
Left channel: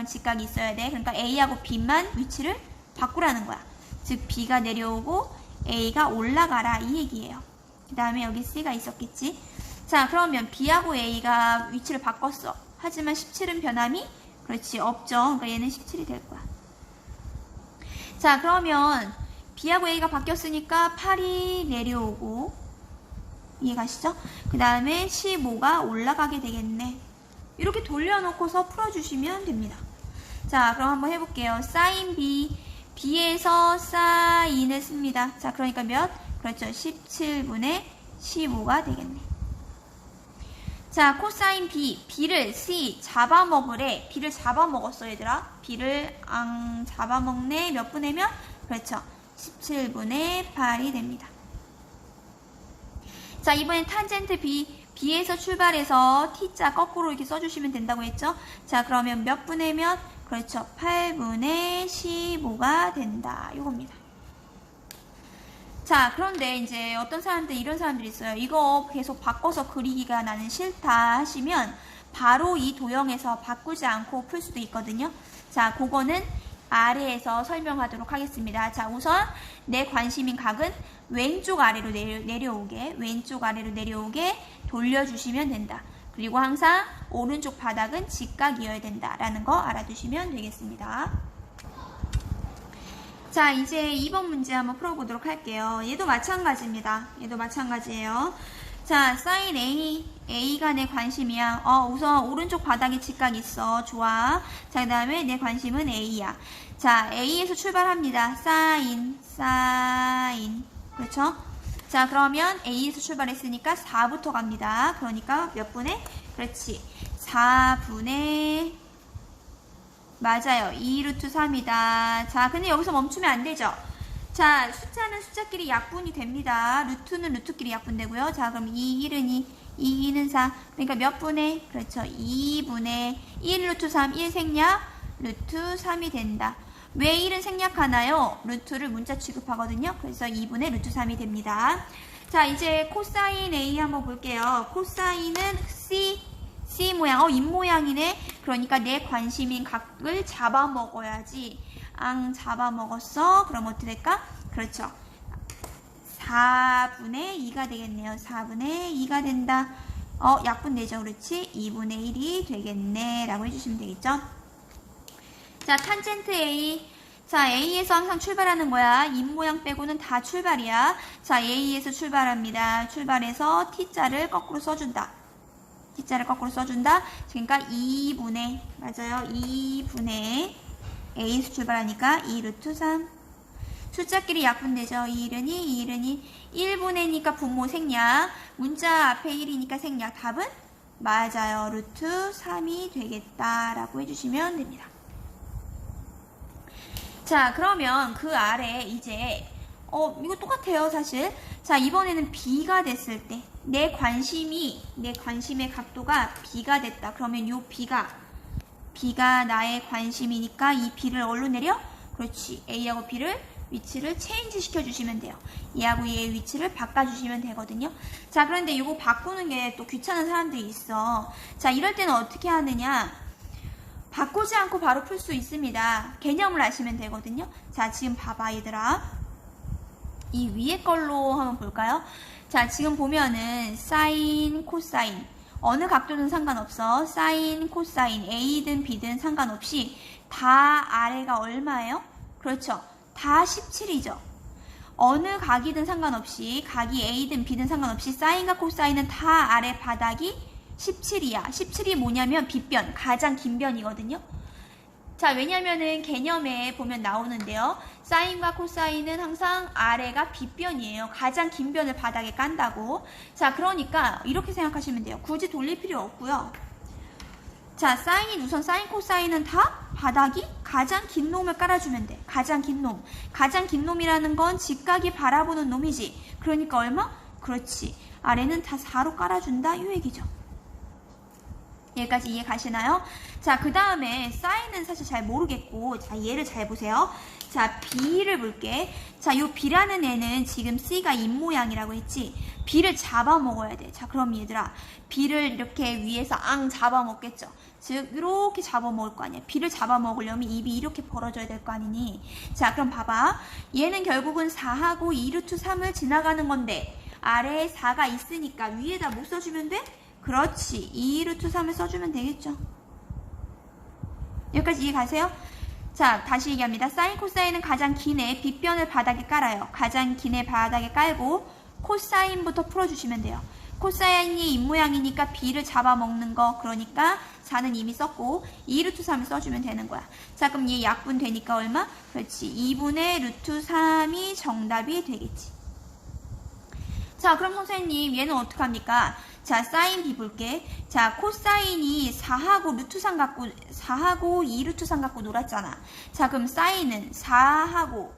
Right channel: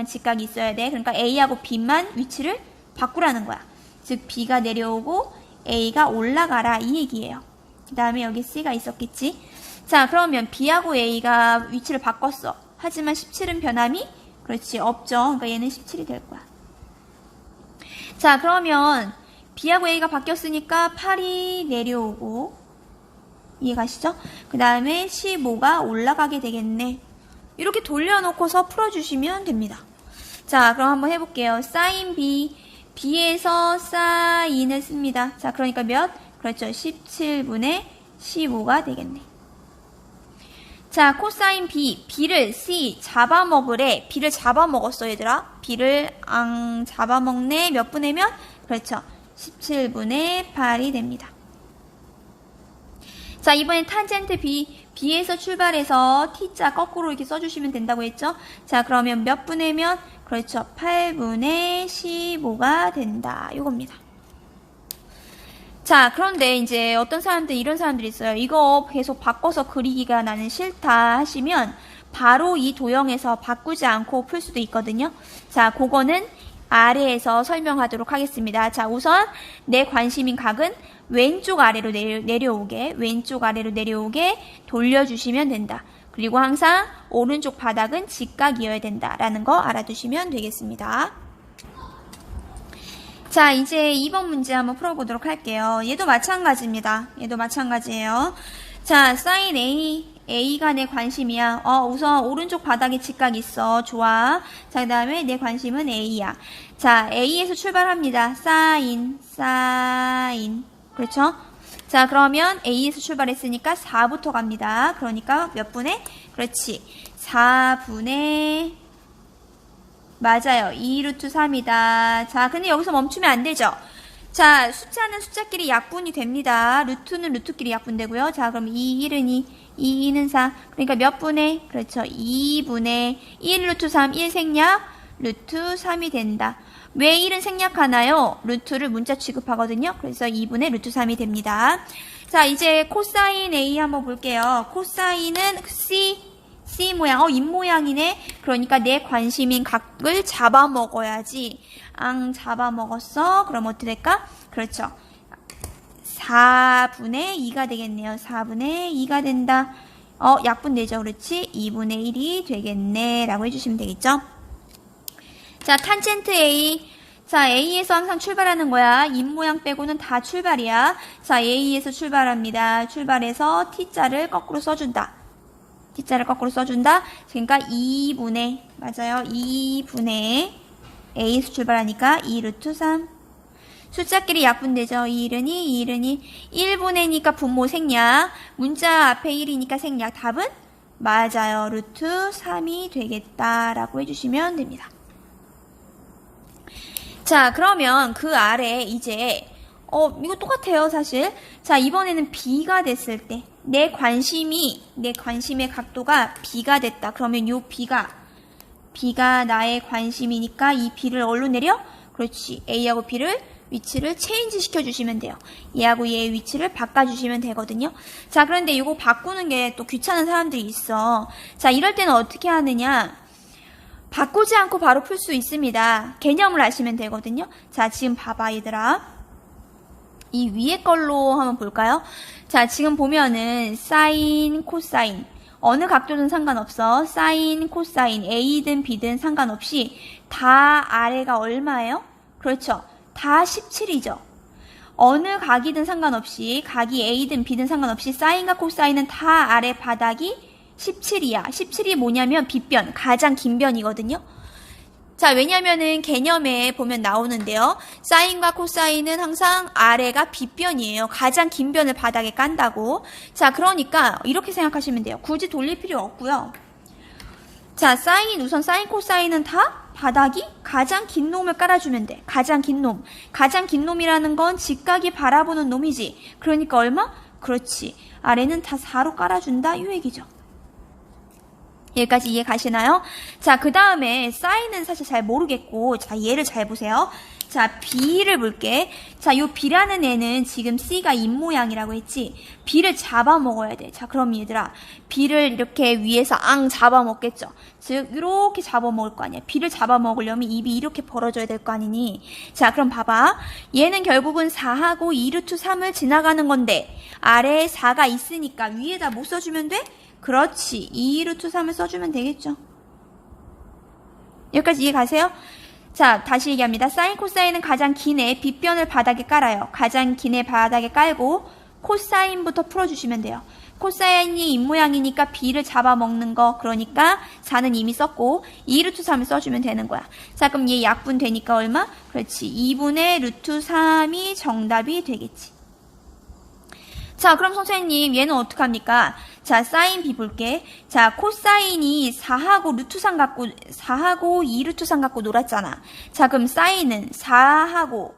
직각이 있어야 돼. 그러니까 A하고 B만 위치를 바꾸라는 거야. 즉 B가 내려오고 A가 올라가라 이 얘기예요. 그 다음에 여기 C가 있었겠지. 자, 그러면 B하고 A가 위치를 바꿨어. 하지만 17은 변함이 그렇지 없죠. 그러니까 얘는 17이 될 거야. 자, 그러면 B하고 A가 바뀌었으니까 8이 내려오고 이해가시죠? 그 다음에 15가 올라가게 되겠네. 이렇게 돌려놓고서 풀어주시면 됩니다. 자, 그럼 한번 해볼게요. 사인 B, B에서 사인을 씁니다. 자, 그러니까 몇? 그렇죠. 17분의 15가 되겠네. 자, 코사인 B, B를 C 잡아먹으래. B를 잡아먹었어, 얘들아. B를 잡아먹네. 몇 분의 면? 그렇죠. 17분의 8이 됩니다. 자, 이번엔 탄젠트 B, B에서 출발해서 T자 거꾸로 이렇게 써주시면 된다고 했죠? 자, 그러면 몇 분의 면? 그렇죠. 8분의 15가 된다. 이겁니다. 자, 그런데 이제 어떤 사람들, 이런 사람들이 있어요. 이거 계속 바꿔서 그리기가 나는 싫다 하시면 바로 이 도형에서 바꾸지 않고 풀 수도 있거든요. 자, 그거는 아래에서 설명하도록 하겠습니다. 자, 우선 내 관심인 각은 왼쪽 아래로 왼쪽 아래로 내려오게 돌려주시면 된다. 그리고 항상 오른쪽 바닥은 직각이어야 된다라는 거 알아두시면 되겠습니다. 자, 이제 2번 문제 한번 풀어보도록 할게요. 얘도 마찬가지입니다. 얘도 마찬가지예요. 자, 사인 A가 내 관심이야. 우선 오른쪽 바닥에 직각 있어. 좋아. 자, 그 다음에 내 관심은 A야. 자, A에서 출발합니다. 사인. 그렇죠? 자, 그러면 A에서 출발했으니까 4부터 갑니다. 그러니까 몇 분의? 그렇지. 4분의 맞아요. 2루트 3이다. 자, 근데 여기서 멈추면 안 되죠? 자, 숫자는 숫자끼리 약분이 됩니다. 루트는 루트끼리 약분되고요. 자, 그럼 2, 1은 2, 2는 4. 그러니까 몇 분의? 그렇죠. 2분의 1 루트 3, 1 생략, 루트 3이 된다. 왜 1은 생략하나요? 루트를 문자 취급하거든요. 그래서 2분의 루트 3이 됩니다. 자, 이제 코사인 A 한번 볼게요. 코사인은 C 모양, 입모양이네. 그러니까 내 관심인 각을 잡아먹어야지. 잡아먹었어. 그럼 어떻게 될까? 그렇죠. 4분의 2가 되겠네요. 4분의 2가 된다. 약분되죠. 그렇지? 2분의 1이 되겠네. 라고 해주시면 되겠죠? 자, 탄젠트 A. 자, A에서 항상 출발하는 거야. 입모양 빼고는 다 출발이야. 자, A에서 출발합니다. 출발해서 T자를 거꾸로 써준다. T자를 거꾸로 써준다. 그러니까 2분의, 맞아요. 2분의 A에서 출발하니까 2루트 3. 숫자끼리 약분되죠. 2일은 2, 2일은 2. 1분의니까 분모 생략. 문자 앞에 1이니까 생략. 답은? 맞아요. 루트 3이 되겠다라고 해주시면 됩니다. 자, 그러면 그 아래 이제 이거 똑같아요, 사실. 자, 이번에는 B가 됐을 때 내 관심의 각도가 B가 됐다. 그러면 요 B가 나의 관심이니까 이 B를 어디로 내려? 그렇지. A하고 B를 위치를 체인지 시켜주시면 돼요. 얘하고 얘의 위치를 바꿔주시면 되거든요. 자, 그런데 이거 바꾸는 게 또 귀찮은 사람들이 있어. 자, 이럴 때는 어떻게 하느냐? 바꾸지 않고 바로 풀 수 있습니다. 개념을 아시면 되거든요. 자, 지금 봐봐, 얘들아. 이 위에 걸로 한번 볼까요? 자, 지금 보면은 사인, 코사인 어느 각도든 상관없어. 사인, 코사인 A든 B든 상관없이 다 아래가 얼마예요? 그렇죠. 다 17이죠. 어느 각이든 상관없이 각이 A든 B든 상관없이 사인과 코사인은 다 아래 바닥이 17이야. 17이 뭐냐면 빗변, 가장 긴 변이거든요. 자, 왜냐면은 개념에 보면 나오는데요. 사인과 코사인은 항상 아래가 빗변이에요. 가장 긴 변을 바닥에 깐다고. 자, 그러니까 이렇게 생각하시면 돼요. 굳이 돌릴 필요 없고요. 자, 우선 사인, 코사인은 다 바닥이 가장 긴 놈을 깔아주면 돼. 가장 긴 놈. 가장 긴 놈이라는 건 직각이 바라보는 놈이지. 그러니까 얼마? 그렇지. 아래는 다 4로 깔아준다. 이 얘기죠. 여기까지 이해 가시나요? 자, 그 다음에 사인은 사실 잘 모르겠고, 자, 얘를 잘 보세요. 자, B를 볼게. 자, 요 B라는 애는 지금 C가 입모양이라고 했지. B를 잡아먹어야 돼. 자, 그럼 얘들아, B를 이렇게 위에서 잡아먹겠죠. 즉, 이렇게 잡아먹을 거 아니야. B를 잡아먹으려면 입이 이렇게 벌어져야 될 거 아니니. 자, 그럼 봐봐. 얘는 결국은 4하고 2루트 3을 지나가는 건데, 아래에 4가 있으니까 위에다 뭐 써주면 돼? 그렇지. 2루트 3을 써주면 되겠죠. 여기까지 이해 가세요? 자, 다시 얘기합니다. 사인, 코사인은 가장 긴 애 빗변을 바닥에 깔아요. 가장 긴 애 바닥에 깔고 코사인부터 풀어주시면 돼요. 코사인이 입모양이니까 B를 잡아먹는 거. 그러니까 4는 이미 썼고 2루트 3을 써주면 되는 거야. 자, 그럼 얘 약분 되니까 얼마? 그렇지. 2분의 루트 3이 정답이 되겠지. 자, 그럼 선생님 얘는 어떡합니까? 자, 사인 B 볼게. 자, 코사인이 4하고 루트 3 갖고 4하고 2루트 3 갖고 놀았잖아. 자, 그럼 사인은 4하고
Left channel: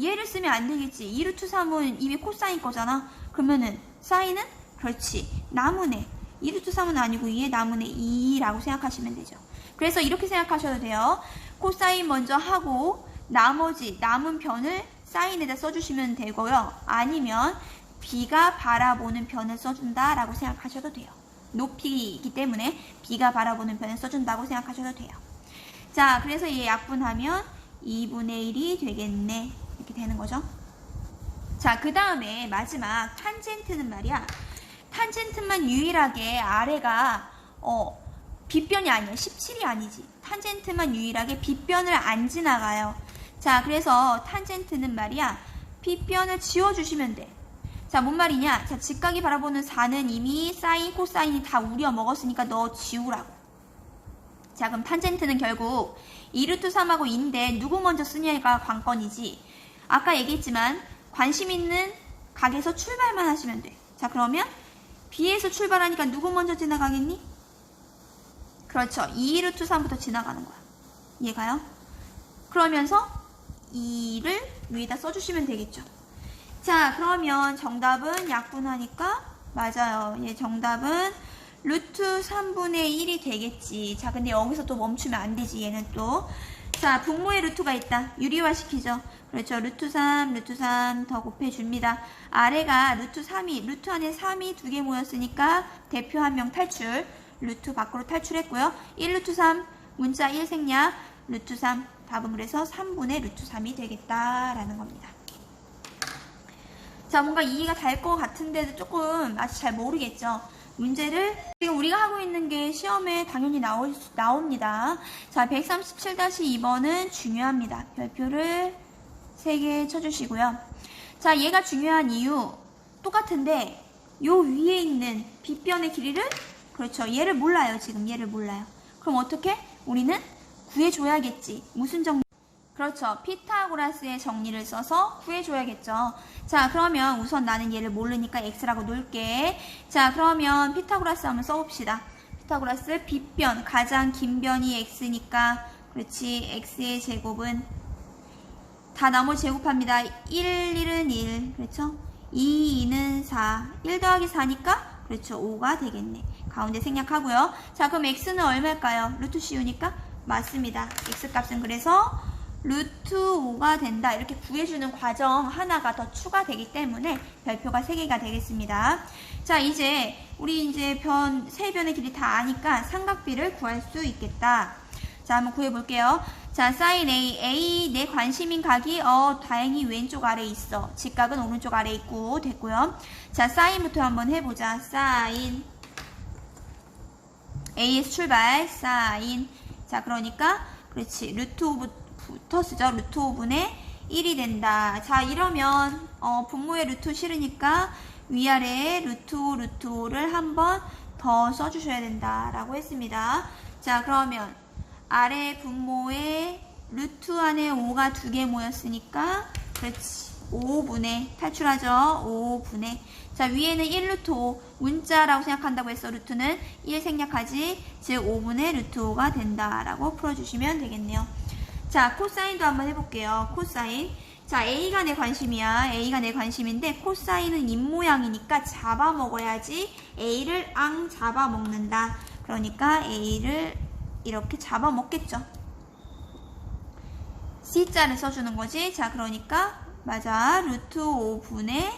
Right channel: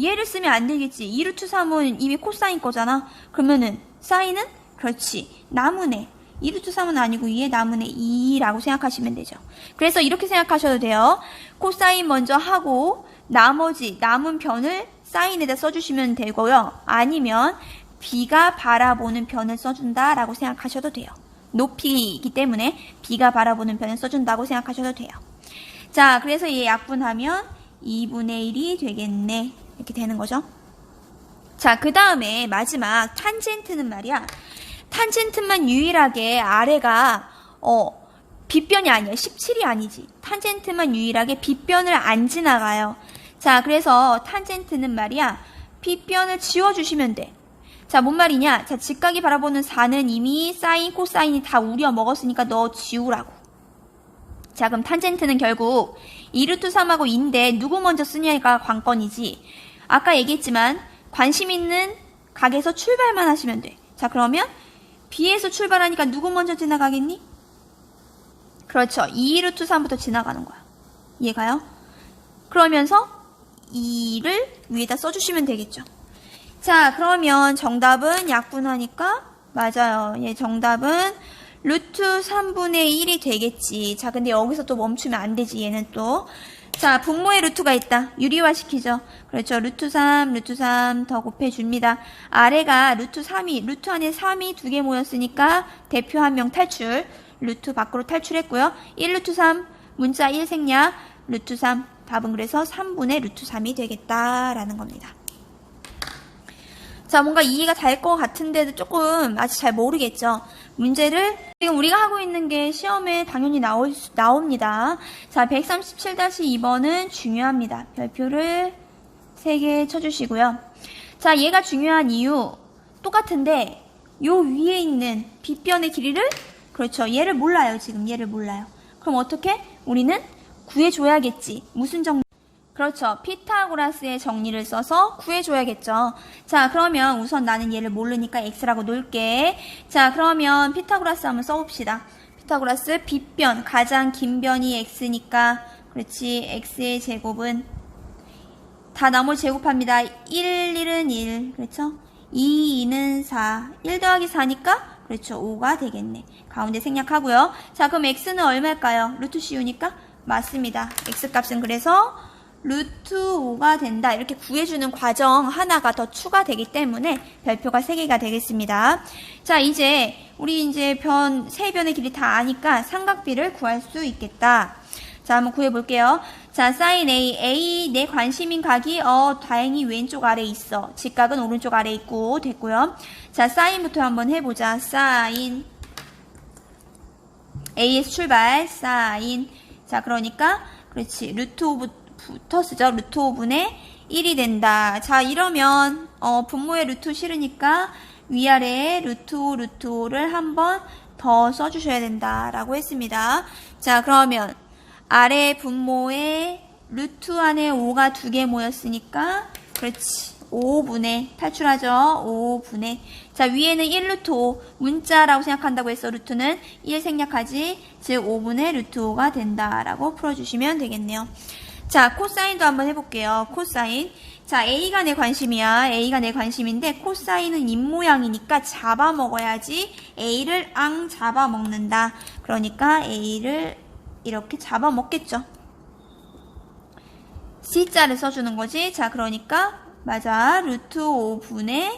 얘를 쓰면 안 되겠지. 2루트 3은 이미 코사인 거잖아. 그러면은 사인은 그렇지. 나무네. 2루트 3은 아니고 2의 나무네 2라고 생각하시면 되죠. 그래서 이렇게 생각하셔도 돼요. 코사인 먼저 하고 나머지 남은 변을 사인에다 써주시면 되고요. 아니면 B가 바라보는 변을 써준다라고 생각하셔도 돼요. 높이이기 때문에 B가 바라보는 변을 써준다고 생각하셔도 돼요. 자, 그래서 얘 약분하면 2분의 1이 되겠네. 이렇게 되는 거죠. 자, 그 다음에 마지막 탄젠트는 말이야. 탄젠트만 유일하게 아래가 빗변이 아니야. 17이 아니지. 탄젠트만 유일하게 빗변을 안 지나가요. 자, 그래서 탄젠트는 말이야. 빗변을 지워주시면 돼. 자, 뭔 말이냐? 자, 직각이 바라보는 4는 이미 사인, 코사인이 다 우려 먹었으니까 너 지우라고. 자, 그럼 탄젠트는 결국 2루트 3하고 2인데 누구 먼저 쓰냐가 관건이지. 아까 얘기했지만 관심 있는 각에서 출발만 하시면 돼. 자, 그러면 B에서 출발하니까 누구 먼저 지나가겠니? 그렇죠. 2루트 3부터 지나가는 거야. 이해가요? 그러면서 2를 위에다 써주시면 되겠죠. 자, 그러면 정답은 약분하니까 맞아요. 예, 정답은 루트 3분의 1이 되겠지. 자, 근데 여기서 또 멈추면 안 되지. 얘는 또. 자, 분모의 루트가 있다. 유리화 시키죠. 그렇죠. 루트 3 더 곱해줍니다. 아래가 루트 3이, 루트 안에 3이 두 개 모였으니까 대표 한 명 탈출. 루트 밖으로 탈출했고요. 1루트 3, 문자 1 생략, 루트 3. 답은 그래서 3분의 루트 3이 되겠다라는 겁니다. 자, 뭔가 이해가 될 것 같은데도 조금 아직 잘 모르겠죠. 문제를 지금 우리가 하고 있는 게 시험에 당연히 나옵니다. 자, 137-2번은 중요합니다. 별표를 3개 쳐주시고요. 자, 얘가 중요한 이유 똑같은데 요 위에 있는 빗변의 길이를 그렇죠. 얘를 몰라요. 지금 얘를 몰라요. 그럼 어떻게? 우리는 구해줘야겠지. 무슨 정리? 그렇죠. 피타고라스의 정리를 써서 구해줘야겠죠. 자, 그러면 우선 나는 얘를 모르니까 x라고 놓을게. 자, 그러면 피타고라스 한번 써봅시다. 피타고라스 빗변, 가장 긴 변이 x니까 그렇지. x의 제곱은 다 나머지 제곱합니다. 1, 1은 1. 그렇죠? 2, 2는 4. 1 더하기 4니까 그렇죠. 5가 되겠네. 가운데 생략하고요. 자, 그럼 x는 얼마일까요? 루트 씌우니까? 맞습니다. x값은 그래서 루트 5가 된다. 이렇게 구해주는 과정 하나가 더 추가되기 때문에 별표가 3개가 되겠습니다. 자, 우리 이제 세 변의 길이 다 아니까 삼각비를 구할 수 있겠다. 자, 한번 구해볼게요. 자, 사인 A 내 관심인 각이 다행히 왼쪽 아래에 있어. 직각은 오른쪽 아래에 있고 됐고요. 자, 사인부터 한번 해보자. 사인 A에서 출발. 사인. 자, 그러니까 그렇지. 루트 5부터 쓰죠. 루트 5분의 1이 된다. 자, 이러면 분모에 루트 싫으니까 위아래에 루트 5를 한번 더 써주셔야 된다라고 했습니다. 자, 그러면 아래 분모에 루트 안에 5가 2개 모였으니까 그렇지. 5분의 탈출하죠. 5분의 자, 위에는 1루트 5 문자라고 생각한다고 했어. 루트는 1 생략하지. 즉 5분의 루트 5가 된다라고 풀어주시면 되겠네요. 자, 코사인도 한번 해볼게요. 코사인. 자, A가 내 관심이야. A가 내 관심인데 코사인은 입모양이니까 잡아먹어야지. A를 잡아먹는다. 그러니까 A를 이렇게 잡아먹겠죠. C자를 써주는 거지. 자, 그러니까 맞아. 루트 5분의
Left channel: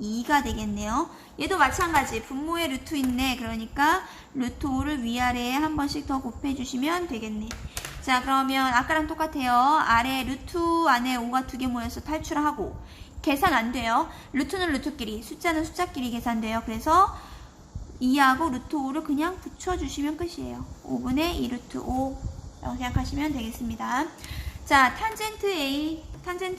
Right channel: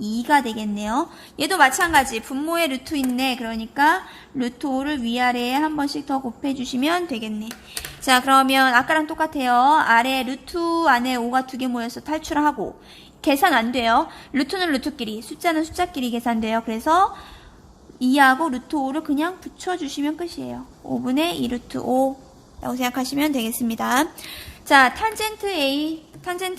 2가 되겠네요. 얘도 마찬가지. 분모에 루트 있네. 그러니까 루트 5를 위아래에 한 번씩 더 곱해주시면 되겠네. 자, 그러면 아까랑 똑같아요. 아래 루트 안에 5가 2개 모여서 탈출하고 계산 안 돼요. 루트는 루트끼리, 숫자는 숫자끼리 계산돼요. 그래서 2하고 루트 5를 그냥 붙여주시면 끝이에요. 5분의 2 루트 5라고 생각하시면 되겠습니다. 자, 탄젠트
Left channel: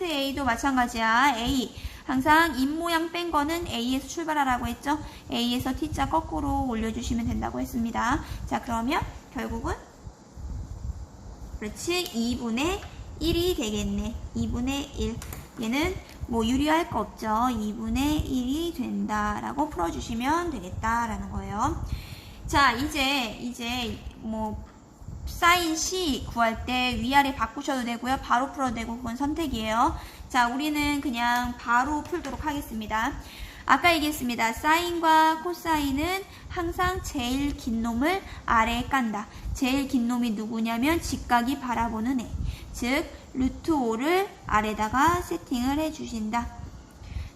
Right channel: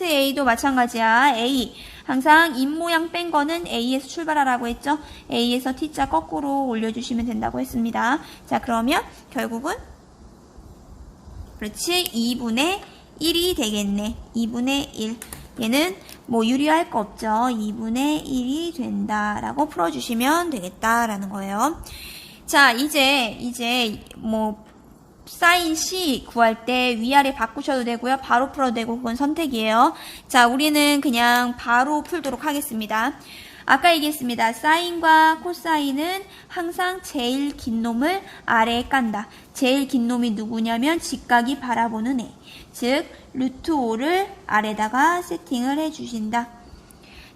A도 마찬가지야. A. 항상 입모양 뺀 거는 A에서 출발하라고 했죠. A에서 T자 거꾸로 올려주시면 된다고 했습니다. 자, 그러면 결국은 그렇지. 2분의 1이 되겠네. 2분의 1. 얘는 뭐 유리할 거 없죠. 2분의 1이 된다라고 풀어주시면 되겠다라는 거예요. 자, 이제 뭐 사인 C 구할 때 위아래 바꾸셔도 되고요. 바로 풀어도 되고 그건 선택이에요. 자, 우리는 그냥 바로 풀도록 하겠습니다. 아까 얘기했습니다. 사인과 코사인은 항상 제일 긴 놈을 아래에 깐다. 제일 긴 놈이 누구냐면 직각이 바라보는 애. 즉 루트 5를 아래다가 세팅을 해주신다.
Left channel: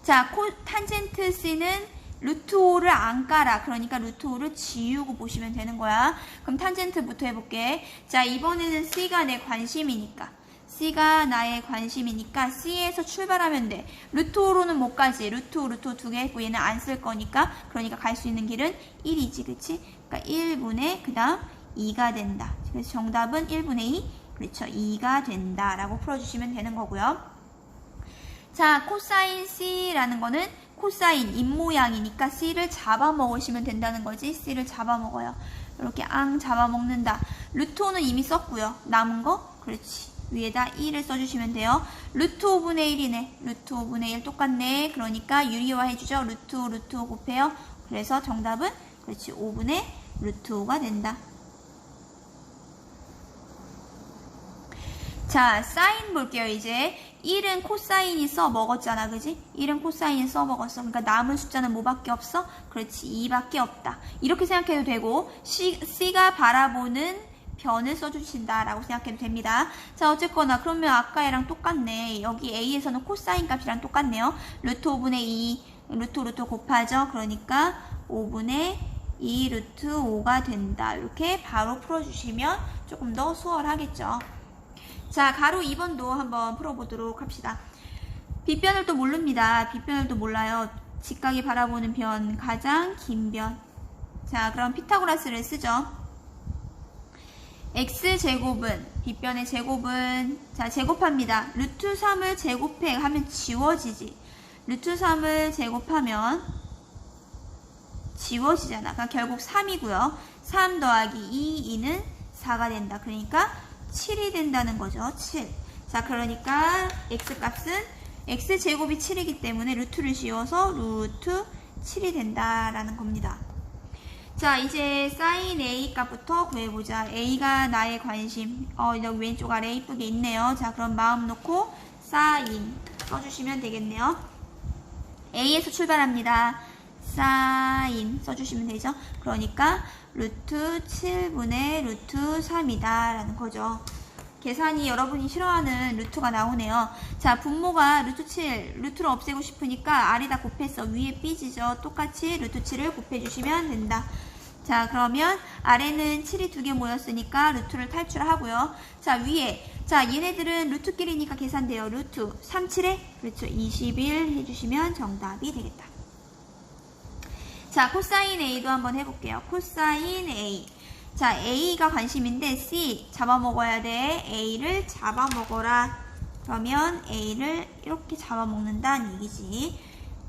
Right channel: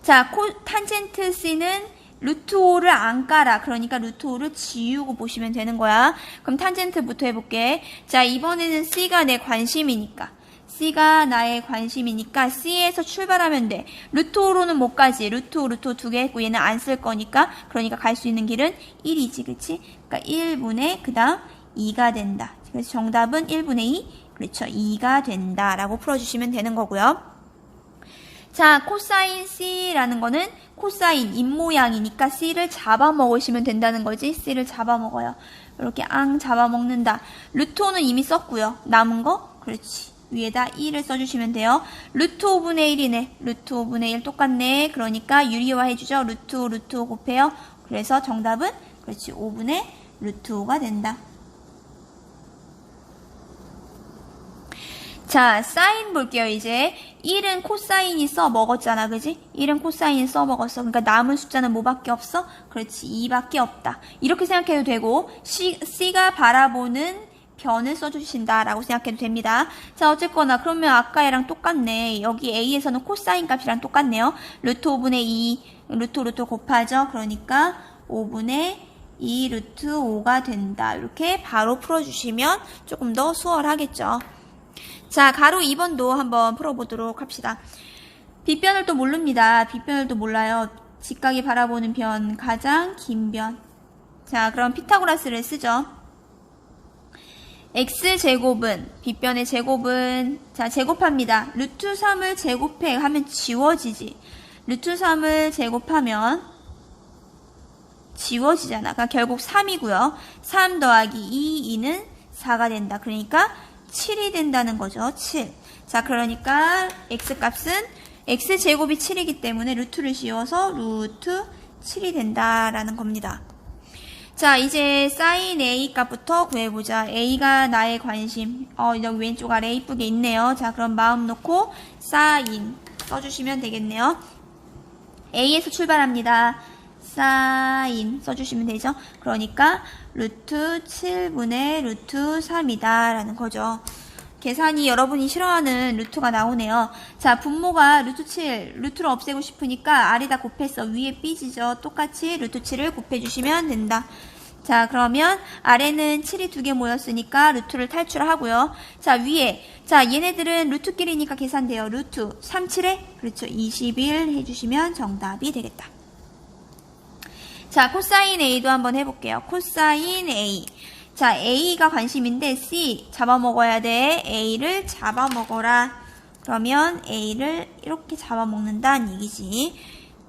자, 탄젠트 C는 루트 5를 안 깔아. 그러니까 루트 5를 지우고 보시면 되는 거야. 그럼 탄젠트부터 해볼게. 자, 이번에는 C가 내 관심이니까. C가 나의 관심이니까 C에서 출발하면 돼. 루트 5로는 못 가지. 루트 5 두 개 했고 얘는 안 쓸 거니까. 그러니까 갈 수 있는 길은 1이지. 그치? 그러니까 1분의 그 다음 2가 된다. 그래서 정답은 1분의 2. 그렇죠. 2가 된다. 라고 풀어주시면 되는 거고요. 자, 코사인 C라는 거는 코사인 입모양이니까 C를 잡아먹으시면 된다는 거지. C를 잡아먹어요. 이렇게 잡아먹는다. 루트 5는 이미 썼고요. 남은 거? 그렇지. 위에다 2를 써주시면 돼요. 루트 5분의 1이네. 루트 5분의 1 똑같네. 그러니까 유리화 해주죠. 루트 5 곱해요. 그래서 정답은 그렇지. 5분의 루트 5가 된다. 자, 사인 볼게요, 이제. 1은 코사인이 써먹었잖아, 그지? 1은 코사인이 써먹었어. 그러니까 남은 숫자는 뭐밖에 없어? 그렇지, 2밖에 없다. 이렇게 생각해도 되고, C가 바라보는 변을 써주신다라고 생각해도 됩니다. 자, 어쨌거나 그러면 아까 얘랑 똑같네. 여기 A에서는 코사인 값이랑 똑같네요. 루트 5분의 2, 루트 곱하죠. 그러니까 5분의 2 루트 5가 된다. 이렇게 바로 풀어주시면 조금 더 수월하겠죠. 자, 가로 2번도 한번 풀어보도록 합시다. 빗변을 또 모릅니다. 빗변을 또 몰라요. 직각이 바라보는 변, 가장 긴 변. 자, 그럼 피타고라스를 쓰죠. x제곱은, 빗변의 제곱은, 자, 제곱합니다. 루트 3을 제곱해 하면 지워지지. 루트 3을 제곱하면 지워지잖아. 그러니까 결국 3이고요. 3 더하기 2, 2는 4가 된다. 그러니까 7이 된다는 거죠. 7. 자, 그러니까 x값은 x제곱이 7이기 때문에 루트를 씌워서 루트 7이 된다라는 겁니다. 자, 이제 사인 A 값부터 구해보자. A가 나의 관심. 여기 왼쪽 아래 이쁘게 있네요. 자, 그럼 마음 놓고 사인 써주시면 되겠네요. A에서 출발합니다. 사인 써주시면 되죠. 그러니까 루트 7분의 루트 3이다 라는 거죠. 계산이 여러분이 싫어하는 루트가 나오네요. 자, 분모가 루트 7, 루트를 없애고 싶으니까 아래다 곱해서 위에 삐지죠. 똑같이 루트 7을 곱해주시면 된다. 자, 그러면 아래는 7이 2개 모였으니까 루트를 탈출하고요. 자, 위에, 자, 얘네들은 루트끼리니까 계산돼요. 루트 3, 7에 그렇죠. 21 해주시면 정답이 되겠다. 자, 코사인 A도 한번 해볼게요. 코사인 A. 자, A가 관심인데 C 잡아먹어야 돼. A를 잡아먹어라. 그러면 A를 이렇게 잡아먹는다는 얘기지.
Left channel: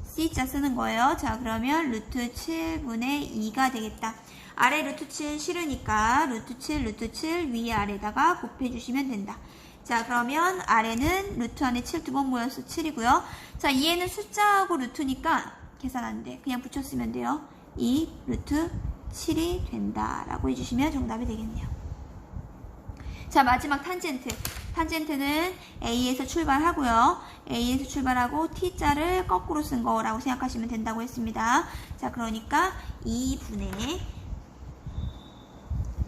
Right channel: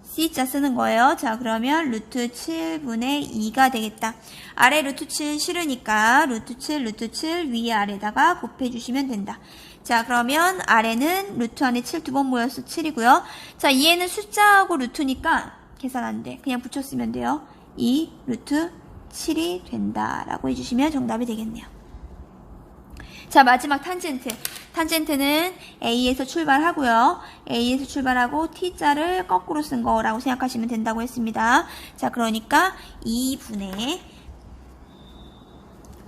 C자 쓰는 거예요. 자, 그러면 루트 7분의 2가 되겠다. 아래 루트 7 싫으니까 루트 7 위에 아래다가 곱해주시면 된다. 자, 그러면 아래는 루트 안에 7 두 번 모여서 7이고요. 자, 얘는 숫자하고 루트니까 계산 안 돼. 그냥 붙였으면 돼요. 2 루트 7이 된다라고 해주시면 정답이 되겠네요. 자, 마지막 탄젠트. 탄젠트는 A에서 출발하고요. A에서 출발하고 T자를 거꾸로 쓴 거라고 생각하시면 된다고 했습니다. 자, 그러니까 2분의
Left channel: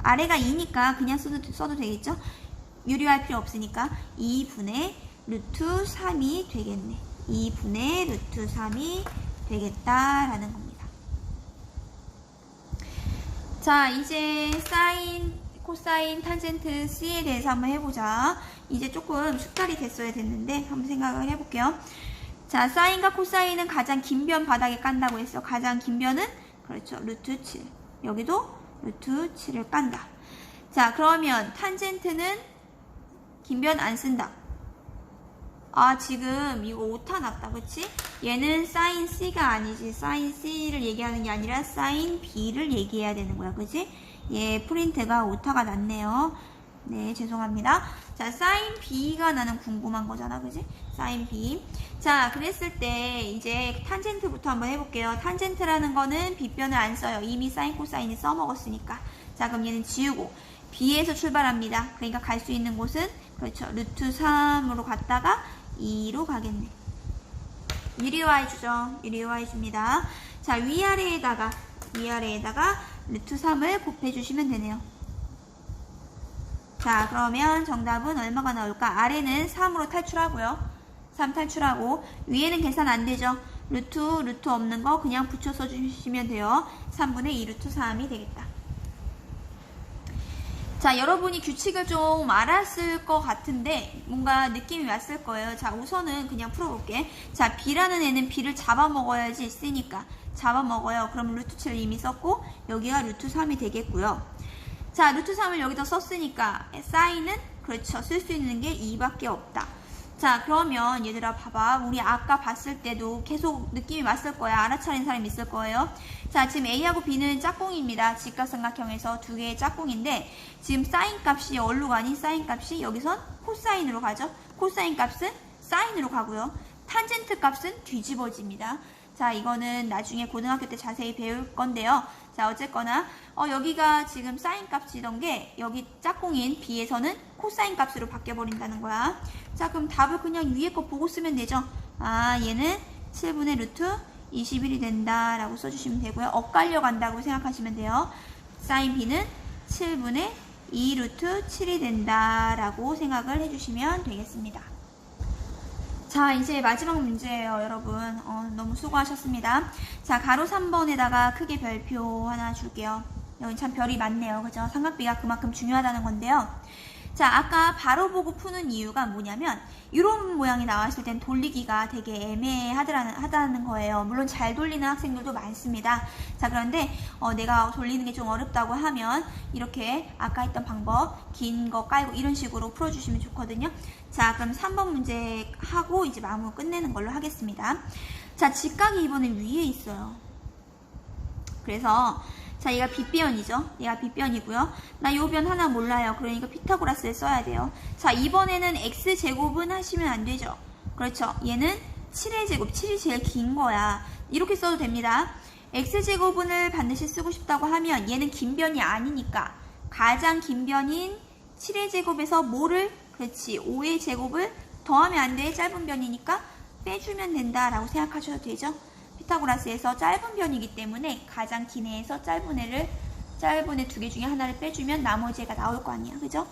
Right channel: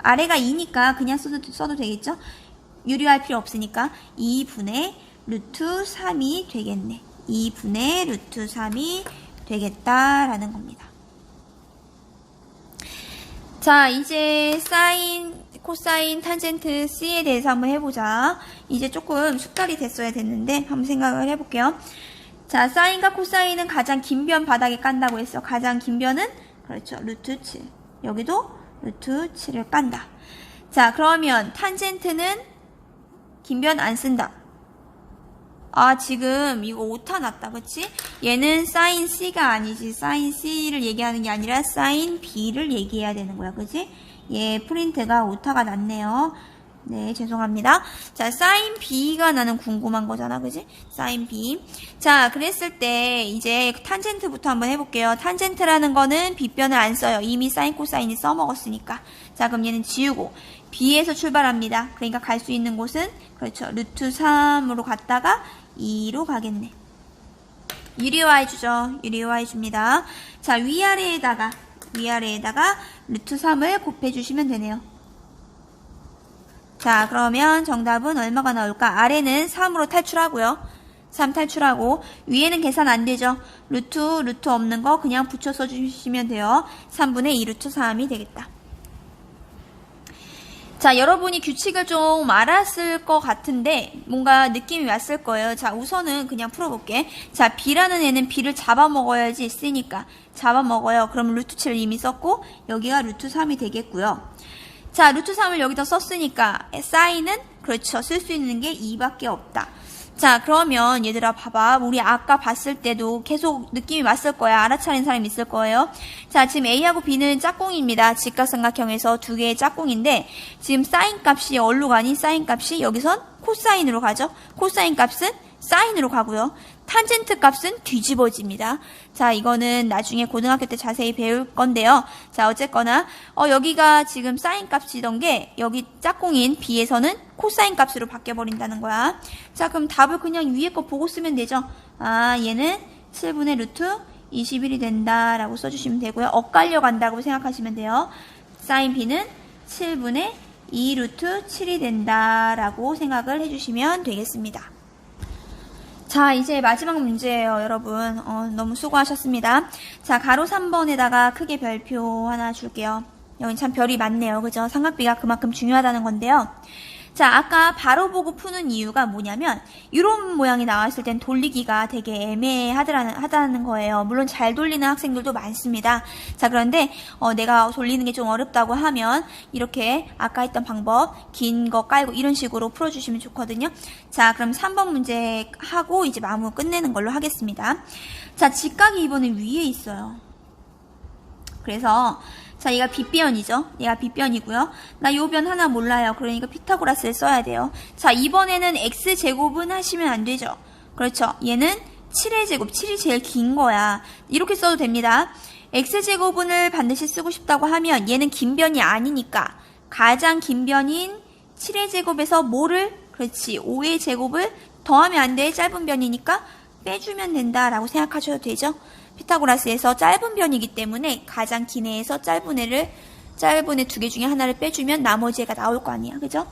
아래가 2니까 그냥 써도 되겠죠? 유리할 필요 없으니까 2분의 루트 3이 되겠네. 2분의 루트 3이 되겠다라는 겁니다. 자, 이제 사인, 코사인, 탄젠트 C에 대해서 한번 해보자. 이제 조금 숙달이 됐어야 됐는데 한번 생각을 해볼게요. 자, 사인과 코사인은 가장 긴 변 바닥에 깐다고 했어. 가장 긴 변은 그렇죠. 루트 7. 여기도 루트 7을 깐다. 자, 그러면 탄젠트는 긴 변 안 쓴다. 아, 지금 이거 오타 났다. 그치? 얘는 사인 C가 아니지. 사인 C를 얘기하는 게 아니라 사인 B를 얘기해야 되는 거야. 그치? 얘 프린트가 오타가 났네요. 네, 죄송합니다. 자, 사인 B가 나는 궁금한 거잖아, 그지? 사인 B. 자, 그랬을 때 이제 탄젠트부터 한번 해볼게요. 탄젠트라는 거는 빗변을 안 써요. 이미 사인, 코사인이 써먹었으니까. 자, 그럼 얘는 지우고 B에서 출발합니다. 그러니까 갈 수 있는 곳은 그렇죠. 루트 3으로 갔다가 2로 가겠네. 유리화해주죠. 유리화해줍니다. 자, 위아래에다가 루트 3을 곱해주시면 되네요. 자, 그러면 정답은 얼마가 나올까? 아래는 3으로 탈출하고요. 3 탈출하고 위에는 계산 안 되죠. 루트 없는 거 그냥 붙여 써주시면 돼요. 3분의 2 루트 3이 되겠다. 자, 여러분이 규칙을 좀 알았을 것 같은데 뭔가 느낌이 왔을 거예요. 자, 우선은 그냥 풀어볼게. 자, B라는 애는 B를 잡아먹어야지 쓰니까 잡아먹어요. 그럼 루트 7을 이미 썼고 여기가 루트 3이 되겠고요. 자, 루트 3을 여기다 썼으니까 사인은 그렇죠. 쓸 수 있는 게 2밖에 없다. 자, 그러면 얘들아 봐봐. 우리 아까 봤을 때도 계속 느낌이 왔을 거야. 알아차린 사람이 있을 거예요. 자, 지금 A하고 B는 짝꿍입니다. 직각삼각형에서 두 개의 짝꿍인데 지금 사인 값이 어디로 가니? 사인 값이 여기선 코사인으로 가죠. 코사인 값은 사인으로 가고요. 탄젠트 값은 뒤집어집니다. 자, 이거는 나중에 고등학교 때 자세히 배울 건데요. 자, 어쨌거나 여기가 지금 사인 값이던 게 여기 짝꿍인 B에서는 코사인 값으로 바뀌어버린다는 거야. 자, 그럼 답을 그냥 위에 거 보고 쓰면 되죠. 아, 얘는 7분의 루트 21이 된다라고 써주시면 되고요. 엇갈려 간다고 생각하시면 돼요. 사인 B는 7분의 2 루트 7이 된다라고 생각을 해주시면 되겠습니다. 자, 이제 마지막 문제예요, 여러분. 너무 수고하셨습니다. 자, 가로 3번에다가 크게 별표 하나 줄게요. 여기 참 별이 많네요. 그죠? 삼각비가 그만큼 중요하다는 건데요. 자, 아까 바로 보고 푸는 이유가 뭐냐면 이런 모양이 나왔을 땐 돌리기가 되게 애매하다는 거예요. 물론 잘 돌리는 학생들도 많습니다. 자, 그런데 내가 돌리는 게 좀 어렵다고 하면 이렇게 아까 했던 방법 긴 거 깔고 이런 식으로 풀어주시면 좋거든요. 자, 그럼 3번 문제 하고 이제 마무리 끝내는 걸로 하겠습니다. 자, 직각이 이번에 위에 있어요. 그래서 자, 얘가 빗변이죠. 얘가 빗변이고요. 나 요 변 하나 몰라요. 그러니까 피타고라스를 써야 돼요. 자, 이번에는 x제곱은 하시면 안 되죠. 그렇죠. 얘는 7의 제곱, 7이 제일 긴 거야. 이렇게 써도 됩니다. x제곱을 반드시 쓰고 싶다고 하면 얘는 긴 변이 아니니까 가장 긴 변인 7의 제곱에서 뭐를? 그렇지. 5의 제곱을 더하면 안 돼. 짧은 변이니까 빼주면 된다라고 생각하셔도 되죠. 피타고라스에서 짧은 변이기 때문에 가장 긴 애에서 짧은 애 두 개 중에 하나를 빼주면 나머지 애가 나올 거 아니야. 그죠?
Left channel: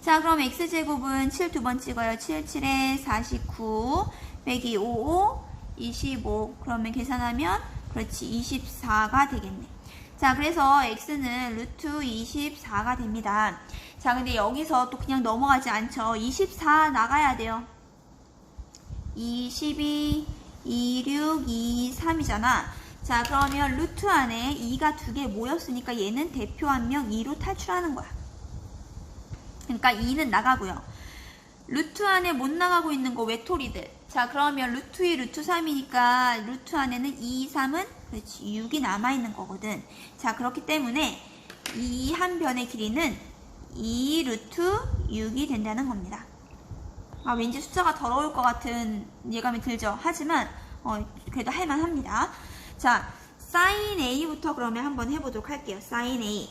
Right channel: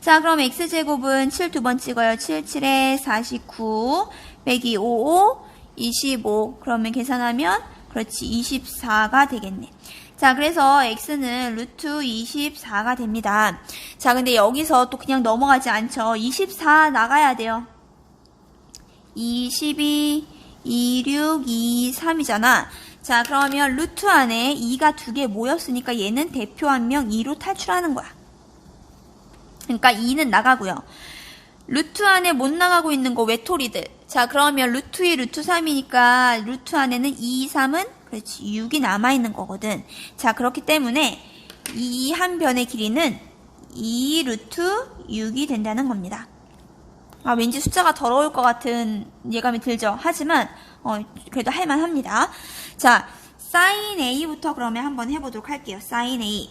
자, 그럼 x제곱은 7 두 번 찍어요. 7, 7에 49 빼기 5, 25. 그러면 계산하면 그렇지 24가 되겠네. 자, 그래서 x는 루트 24가 됩니다. 자, 근데 여기서 또 그냥 넘어가지 않죠. 24 나가야 돼요. 22 26, 2, 3이잖아. 자, 그러면 루트 안에 2가 두 개 모였으니까 얘는 대표 한 명 2로 탈출하는 거야. 그러니까 2는 나가고요. 루트 안에 못 나가고 있는 거 외톨이들. 자, 그러면 루트 2, 루트 3이니까 루트 안에는 2, 3은 그렇지 6이 남아있는 거거든. 자, 그렇기 때문에 이 한 변의 길이는 2 루트 6이 된다는 겁니다. 아, 왠지 숫자가 더러울 것 같은 예감이 들죠. 하지만 그래도 할만합니다. 자, 사인 A부터 그러면 한번 해보도록 할게요. 사인 A.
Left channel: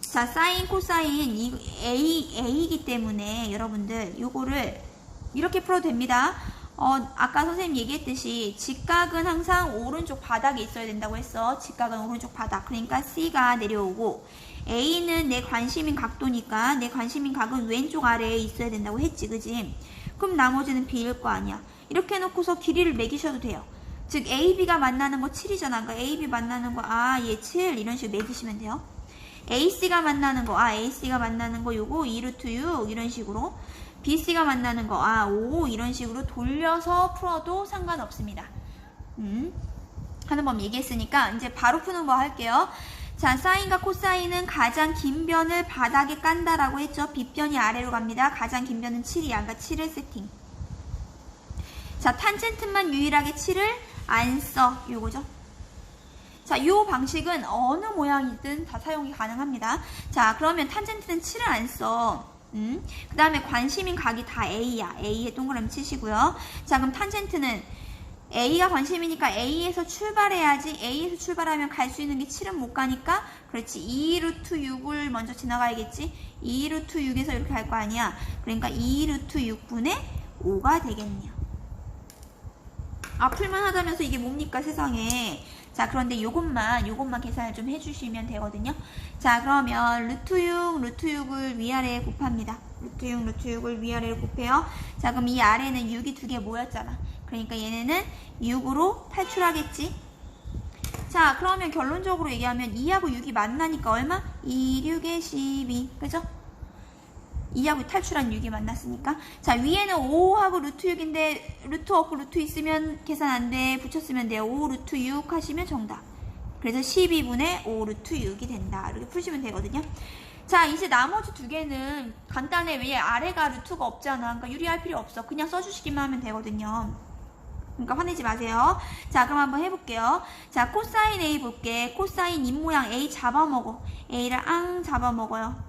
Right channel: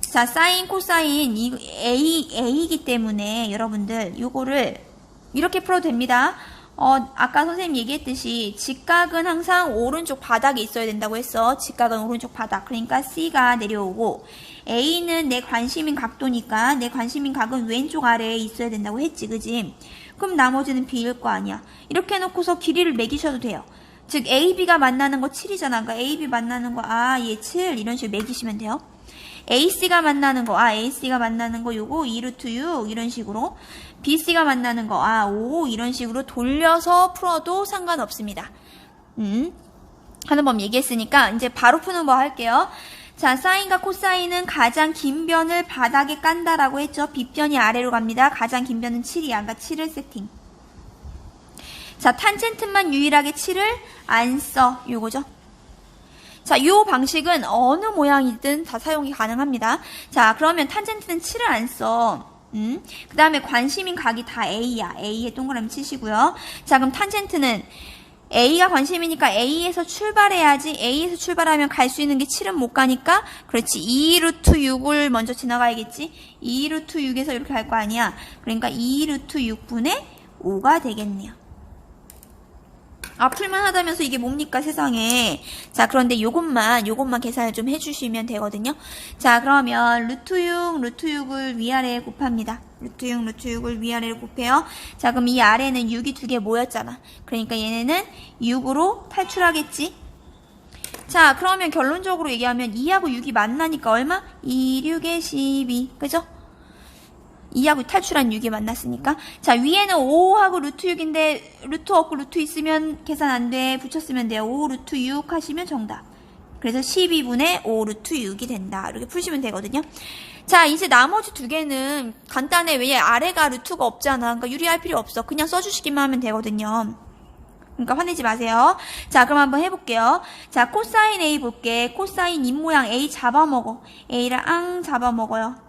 자, 사인, 코사인 A이기 때문에 여러분들 요거를 이렇게 풀어도 됩니다. 아까 선생님 얘기했듯이 직각은 항상 오른쪽 바닥에 있어야 된다고 했어. 직각은 오른쪽 바닥. 그러니까 C가 내려오고 A는 내 관심인 각도니까 내 관심인 각은 왼쪽 아래에 있어야 된다고 했지. 그지? 그럼 나머지는 B일 거 아니야. 이렇게 해놓고서 길이를 매기셔도 돼요. 즉 AB가 만나는 거 7이잖아. 그러니까 AB 만나는 거 얘 7 이런 식으로 매기시면 돼요. AC가 만나는 거 AC가 만나는 거 요거 2루트 6 이런 식으로 BC가 만나는 거 5 이런 식으로 돌려서 풀어도 상관없습니다. 하는 법 얘기했으니까 이제 바로 푸는 법 할게요. 자, 사인과 코사인은 가장 긴 변을 바닥에 깐다라고 했죠. 빗변이 아래로 갑니다. 가장 긴 변은 7이야. 그러니까 7을 세팅. 자, 탄젠트만 유일하게 7을 안 써. 요거죠. 자, 요 방식은 어느 모양이든 다 사용이 가능합니다. 자, 그러면 탄젠트는 7을 안 써. 그 다음에 관심인 각이 다 A야. A에 동그라미 치시고요. 자, 그럼 탄젠트는 A가 관심이니까 A에서 출발해야지. A에서 출발하면 갈 수 있는 게 7은 못 가니까 그렇지. 2 루트 6을 먼저 지나가야겠지. 2 루트 6에서 이렇게 갈 거 아니야. 그러니까 2 루트 6분의 5가 되겠네요. 아, 풀만 하다면서 이게 뭡니까 세상에. 자, 그런데 요것만 계산을 좀 해주시면 되거든요. 자, 그러면 루트 6 루트 6을 위아래에 곱합니다. 루트 6 루트 6을 위아래로 곱해요. 자, 그럼 이 아래는 6이 두 개 모였잖아. 그러니까 얘네는 6으로 탈출하겠지. 자, 그러면 결론적으로 얘기하면 2하고 6이 만나니까 얼마? 2, 6에 12. 그죠? 2하고 탈출한 6이 만났으니까. 자, 위에는 5하고 루트 6인데 루트 없고 루트 있으면 계산 안 돼. 붙였으면 돼요. 5 루트 6 하시면 정답. 그래서 12분의 5 루트 6이 된다. 이렇게 푸시면 되거든요. 자, 이제 나머지 두 개는 간단해. 왜 아래가 루트가 없잖아. 그러니까 유리할 필요 없어. 그냥 써주시기만 하면 되거든요. 그러니까 화내지 마세요. 자, 그럼 한번 해볼게요. 자, 코사인 A 볼게. 코사인 입모양 A 잡아먹어. A를 앙 잡아먹어요.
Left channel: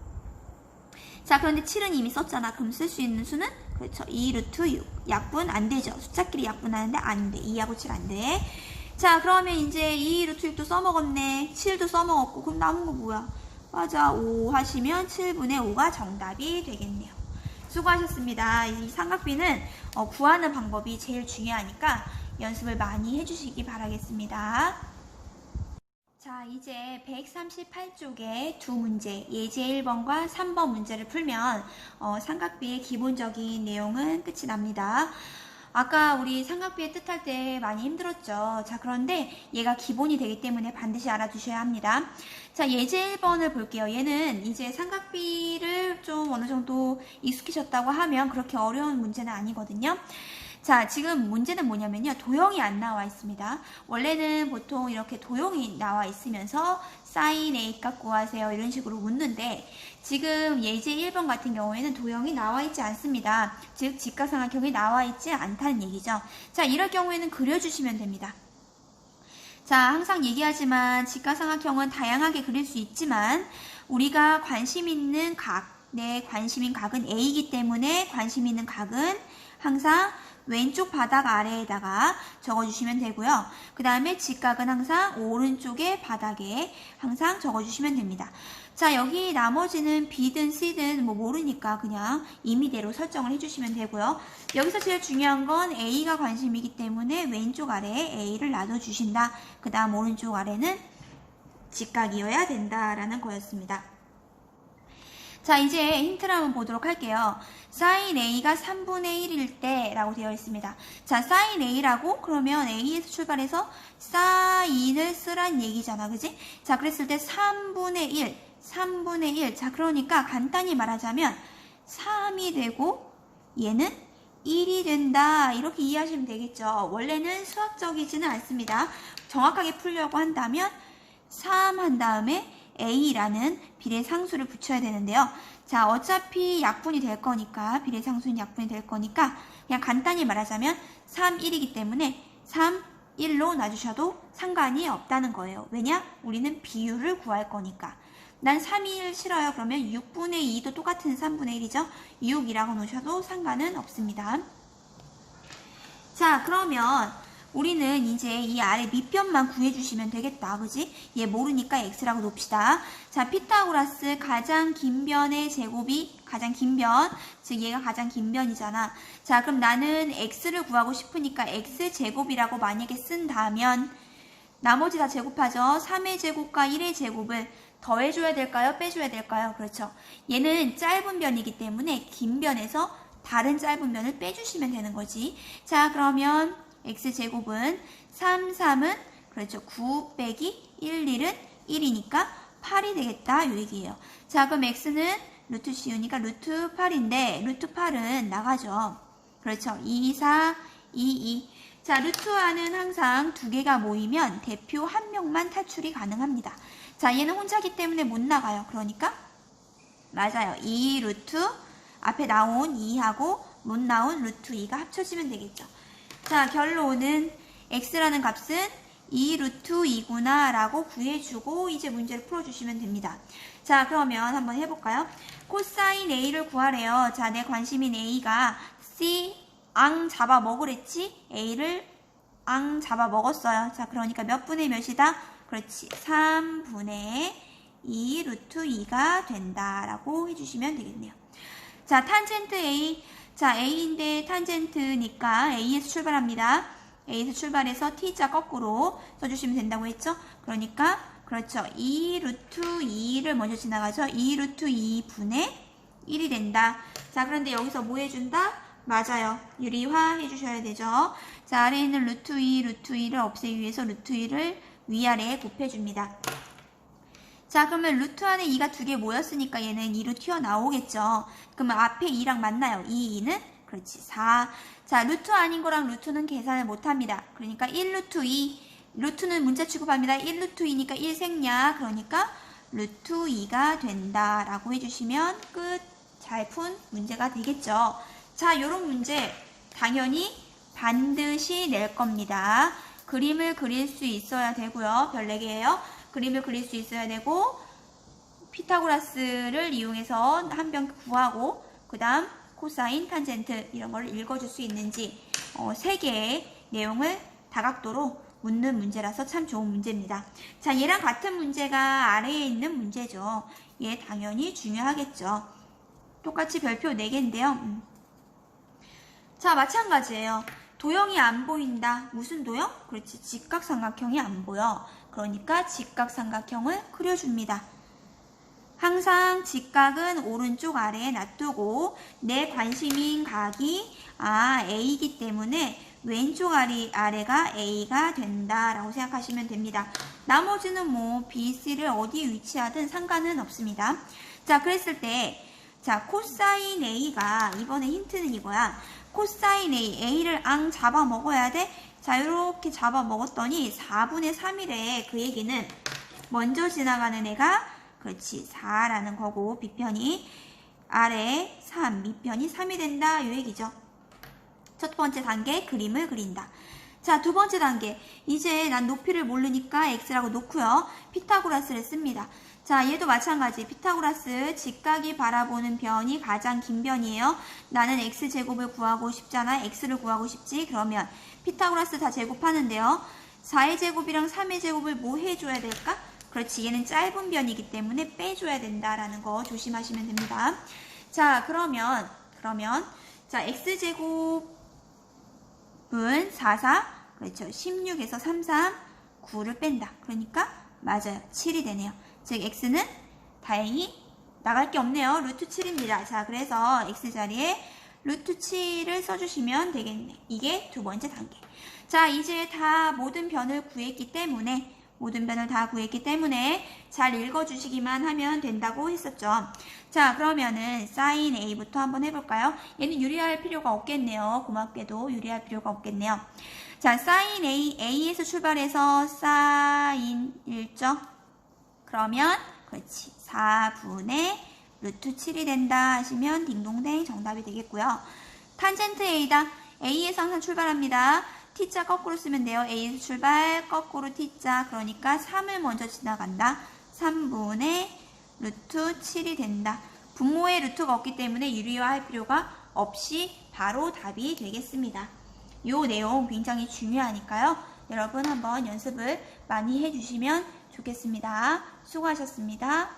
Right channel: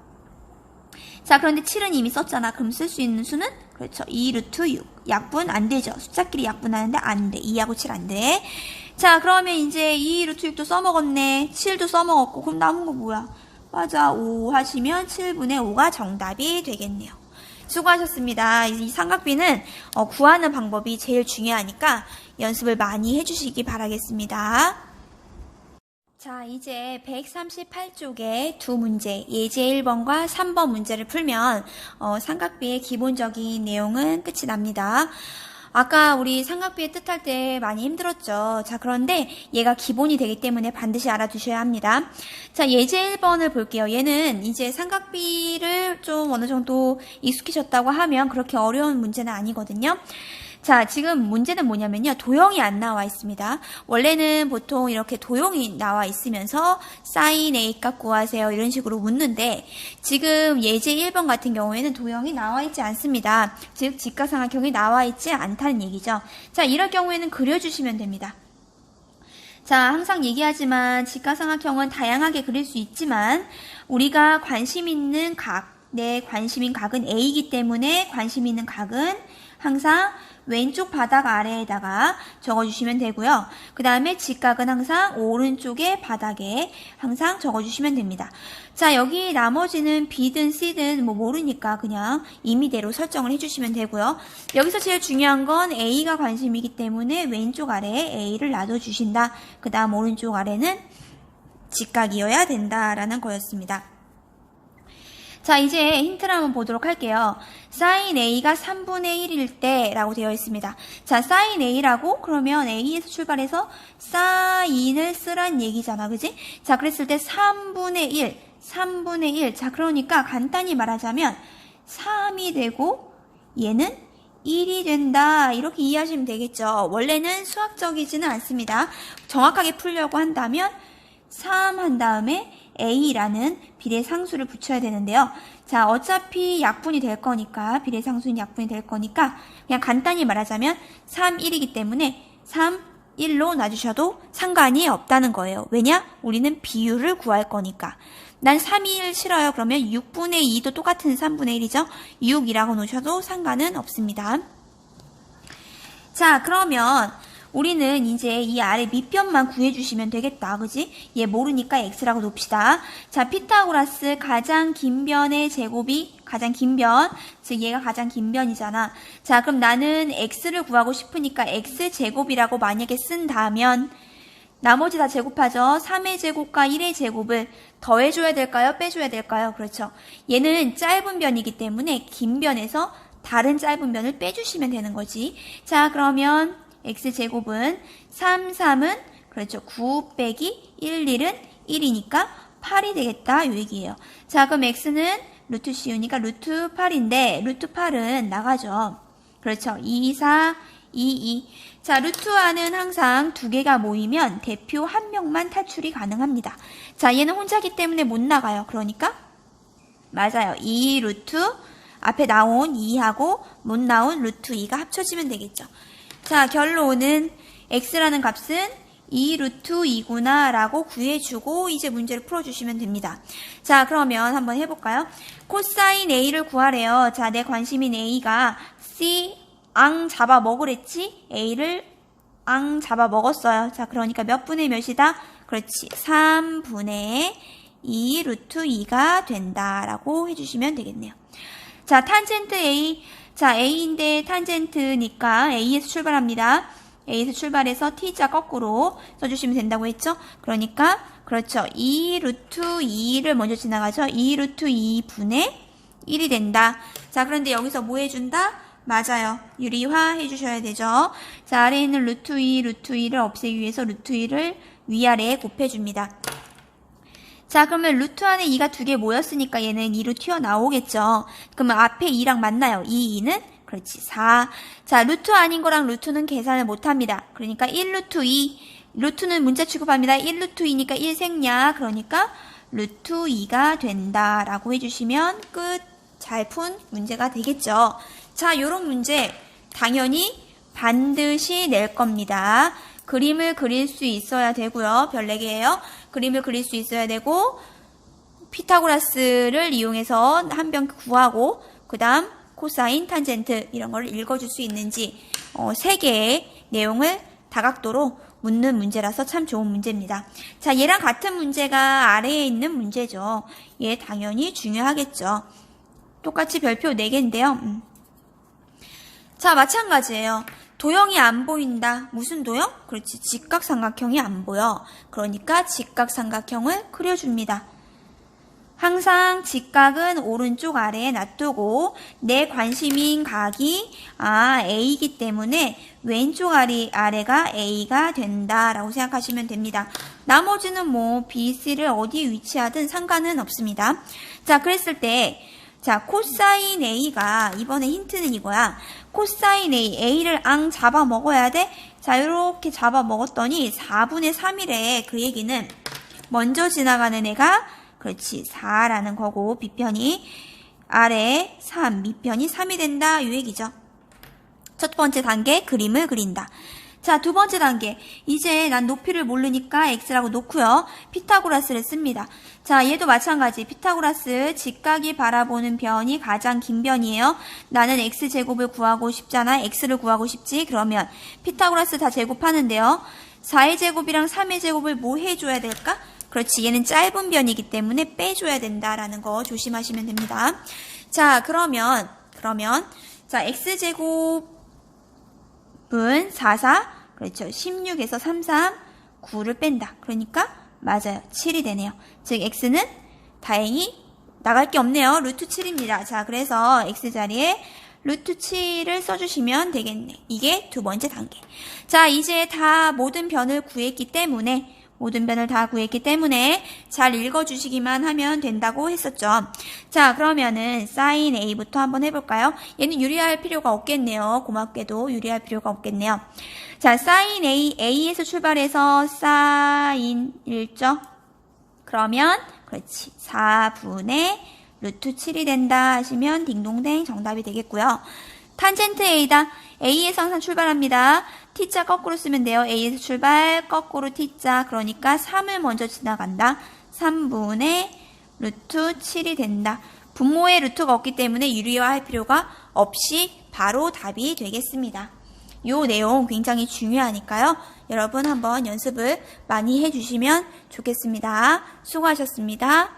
자, 그런데 7은 이미 썼잖아. 그럼 쓸 수 있는 수는? 그렇죠. 2 루트 6. 약분 안 되죠. 숫자끼리 약분하는데 안 돼. 2하고 7 안 돼. 자, 그러면 이제 2 루트 6도 써먹었네. 7도 써먹었고. 그럼 남은 거 뭐야? 맞아. 5 하시면 7분의 5가 정답이 되겠네요. 수고하셨습니다. 이 삼각비는 구하는 방법이 제일 중요하니까 연습을 많이 해주시기 바라겠습니다. 자, 이제 138쪽에 두 문제, 예제 1번과 3번 문제를 풀면 삼각비의 기본적인 내용은 끝이 납니다. 아까 우리 삼각비의 뜻할 때 많이 힘들었죠. 자, 그런데 얘가 기본이 되기 때문에 반드시 알아두셔야 합니다. 자, 예제 1번을 볼게요. 얘는 이제 삼각비를 좀 어느 정도 익숙해졌다고 하면 그렇게 어려운 문제는 아니거든요. 자, 지금 문제는 뭐냐면요. 도형이 안 나와 있습니다. 원래는 보통 이렇게 도형이 나와 있으면서 사인 A 값 구하세요. 이런 식으로 묻는데 지금 예제 1번 같은 경우에는 도형이 나와 있지 않습니다. 즉, 직각삼각형이 나와 있지 않다는 얘기죠. 자, 이럴 경우에는 그려주시면 됩니다. 자, 항상 얘기하지만 직각삼각형은 다양하게 그릴 수 있지만 우리가 관심 있는 각, 내 관심인 각은 A이기 때문에 관심 있는 각은 항상 왼쪽 바닥 아래에다가 적어주시면 되고요. 그 다음에 직각은 항상 오른쪽의 바닥에 항상 적어주시면 됩니다. 자, 여기 나머지는 B든 C든 뭐 모르니까 그냥 임의대로 설정을 해주시면 되고요. 여기서 제일 중요한 건 A가 관심이기 때문에 왼쪽 아래에 A를 놔둬주신다. 그 다음 오른쪽 아래는 직각이어야 된다라는 거였습니다. 자, 이제 힌트를 한번 보도록 할게요. sin A가 3분의 1일 때 라고 되어 있습니다. 자, sin A라고 그러면 A에서 출발해서 sin을 쓰란 얘기잖아. 그지? 자, 그랬을 때 3분의 1. 자, 그러니까 간단히 말하자면 3이 되고 얘는 1이 된다. 이렇게 이해하시면 되겠죠. 원래는 수학적이지는 않습니다. 정확하게 풀려고 한다면 3 한 다음에 A라는 비례상수를 붙여야 되는데요. 자, 어차피 약분이 될 거니까, 비례상수는 약분이 될 거니까, 그냥 간단히 말하자면 3, 1이기 때문에 3, 1로 놔주셔도 상관이 없다는 거예요. 왜냐? 우리는 비율을 구할 거니까. 난 3, 1 싫어요. 그러면 6분의 2도 똑같은 3분의 1이죠. 6이라고 놓으셔도 상관은 없습니다. 자, 그러면 우리는 이제 이 아래 밑변만 구해주시면 되겠다. 그지? 얘 모르니까 x라고 놉시다. 자, 피타고라스 가장 긴 변의 제곱이 가장 긴 변. 즉 얘가 가장 긴 변이잖아. 자, 그럼 나는 x를 구하고 싶으니까 x제곱이라고 만약에 쓴다면 나머지 다 제곱하죠. 3의 제곱과 1의 제곱을 더해줘야 될까요? 빼줘야 될까요? 그렇죠. 얘는 짧은 변이기 때문에 긴 변에서 다른 짧은 변을 빼주시면 되는 거지. 자, 그러면 x제곱은 3, 3은 그렇죠. 9 빼기 1, 1은 1이니까 8이 되겠다. 이 얘기예요. 자, 그럼 x는 루트 씌우니까 루트 8인데 루트 8은 나가죠. 그렇죠. 2, 4, 2, 2. 자, 루트 안은 항상 두 개가 모이면 대표 한 명만 탈출이 가능합니다. 자, 얘는 혼자기 때문에 못 나가요. 그러니까 맞아요. 2 루트 앞에 나온 2하고 못 나온 루트 2가 합쳐지면 되겠죠. 자, 결론은 x라는 값은 2 루트 2구나 라고 구해주고 이제 문제를 풀어주시면 됩니다. 자, 그러면 한번 해볼까요? 코사인 A를 구하래요. 자, 내 관심인 A가 C 앙 잡아 먹으랬지? A를 앙 잡아 먹었어요. 자, 그러니까 몇 분의 몇이다? 그렇지. 3분의 2 루트 2가 된다라고 해주시면 되겠네요. 자, 탄젠트 A. 자, A인데 탄젠트니까 A에서 출발합니다. A에서 출발해서 T자 거꾸로 써주시면 된다고 했죠? 그러니까, 그렇죠. 2 루트 2를 먼저 지나가죠. 2 루트 2분의 1이 된다. 자, 그런데 여기서 뭐 해준다? 맞아요. 유리화 해주셔야 되죠. 자, 아래에 있는 루트 2, 루트 2를 없애기 위해서 루트 2를 위아래에 곱해줍니다. 자, 그러면 루트 안에 2가 두 개 모였으니까 얘는 2로 튀어나오겠죠. 그러면 앞에 2랑 맞나요? 2는? 그렇지, 4. 자, 루트 아닌 거랑 루트는 계산을 못합니다. 그러니까 1 루트 2. 루트는 문자 취급합니다. 1 루트 2니까 1 생략. 그러니까 루트 2가 된다라고 해주시면 끝. 잘 푼 문제가 되겠죠. 자, 요런 문제 당연히 반드시 낼 겁니다. 그림을 그릴 수 있어야 되고요. 별 4개예요. 그림을 그릴 수 있어야 되고 피타고라스를 이용해서 한 변 구하고 그 다음 코사인, 탄젠트 이런 걸 읽어줄 수 있는지 3개의 내용을 다각도로 묻는 문제라서 참 좋은 문제입니다. 자, 얘랑 같은 문제가 아래에 있는 문제죠. 얘 당연히 중요하겠죠. 똑같이 별표 4개인데요. 자, 마찬가지예요. 도형이 안 보인다. 무슨 도형? 그렇지. 직각삼각형이 안 보여. 그러니까 직각삼각형을 그려줍니다. 항상 직각은 오른쪽 아래에 놔두고 내 관심인 각이 A이기 때문에 왼쪽 아래가 A가 된다라고 생각하시면 됩니다. 나머지는 뭐 B, C를 어디에 위치하든 상관은 없습니다. 자, 그랬을 때 자, 코사인 A가 이번에 힌트는 이거야. 코사인 A를 앙 잡아 먹어야 돼? 자, 이렇게 잡아 먹었더니 4분의 3이래. 그 얘기는 먼저 지나가는 애가 그렇지 4라는 거고 B편이 아래 3, 밑편이 3이 된다. 이 얘기죠. 첫 번째 단계 그림을 그린다. 자, 두 번째 단계. 이제 난 높이를 모르니까 x라고 놓고요. 피타고라스를 씁니다. 자, 얘도 마찬가지. 피타고라스 직각이 바라보는 변이 가장 긴 변이에요. 나는 x제곱을 구하고 싶잖아. x를 구하고 싶지. 그러면 피타고라스 다 제곱하는데요. 4의 제곱이랑 3의 제곱을 뭐 해줘야 될까? 그렇지. 얘는 짧은 변이기 때문에 빼줘야 된다라는 거 조심하시면 됩니다. 자, 그러면 자, x제곱은 4, 그렇죠. 16에서 3, 3, 9를 뺀다. 그러니까 맞아요. 7이 되네요. 즉 x는 다행히 나갈 게 없네요. 루트 7입니다. 자, 그래서 x자리에 루트 7을 써주시면 되겠네. 이게 두 번째 단계. 자, 이제 다 모든 변을 구했기 때문에 잘 읽어주시기만 하면 된다고 했었죠. 자, 그러면은 사인 A부터 한번 해볼까요? 얘는 유리할 필요가 없겠네요. 고맙게도 유리할 필요가 없겠네요. 자, 사인 A에서 출발해서 사인 1죠? 그러면 그렇지 4분의 루트 7이 된다 하시면 딩동댕 정답이 되겠고요. 탄젠트 A다. A에서 항상 출발합니다. T자 거꾸로 쓰면 돼요. A에서 출발, 거꾸로 T자. 그러니까 3을 먼저 지나간다. 3분의 루트 7이 된다. 분모에 루트가 없기 때문에 유리화할 필요가 없이 바로 답이 되겠습니다. 이 내용 굉장히 중요하니까요. 여러분 한번 연습을 많이 해주시면 좋겠습니다. 수고하셨습니다.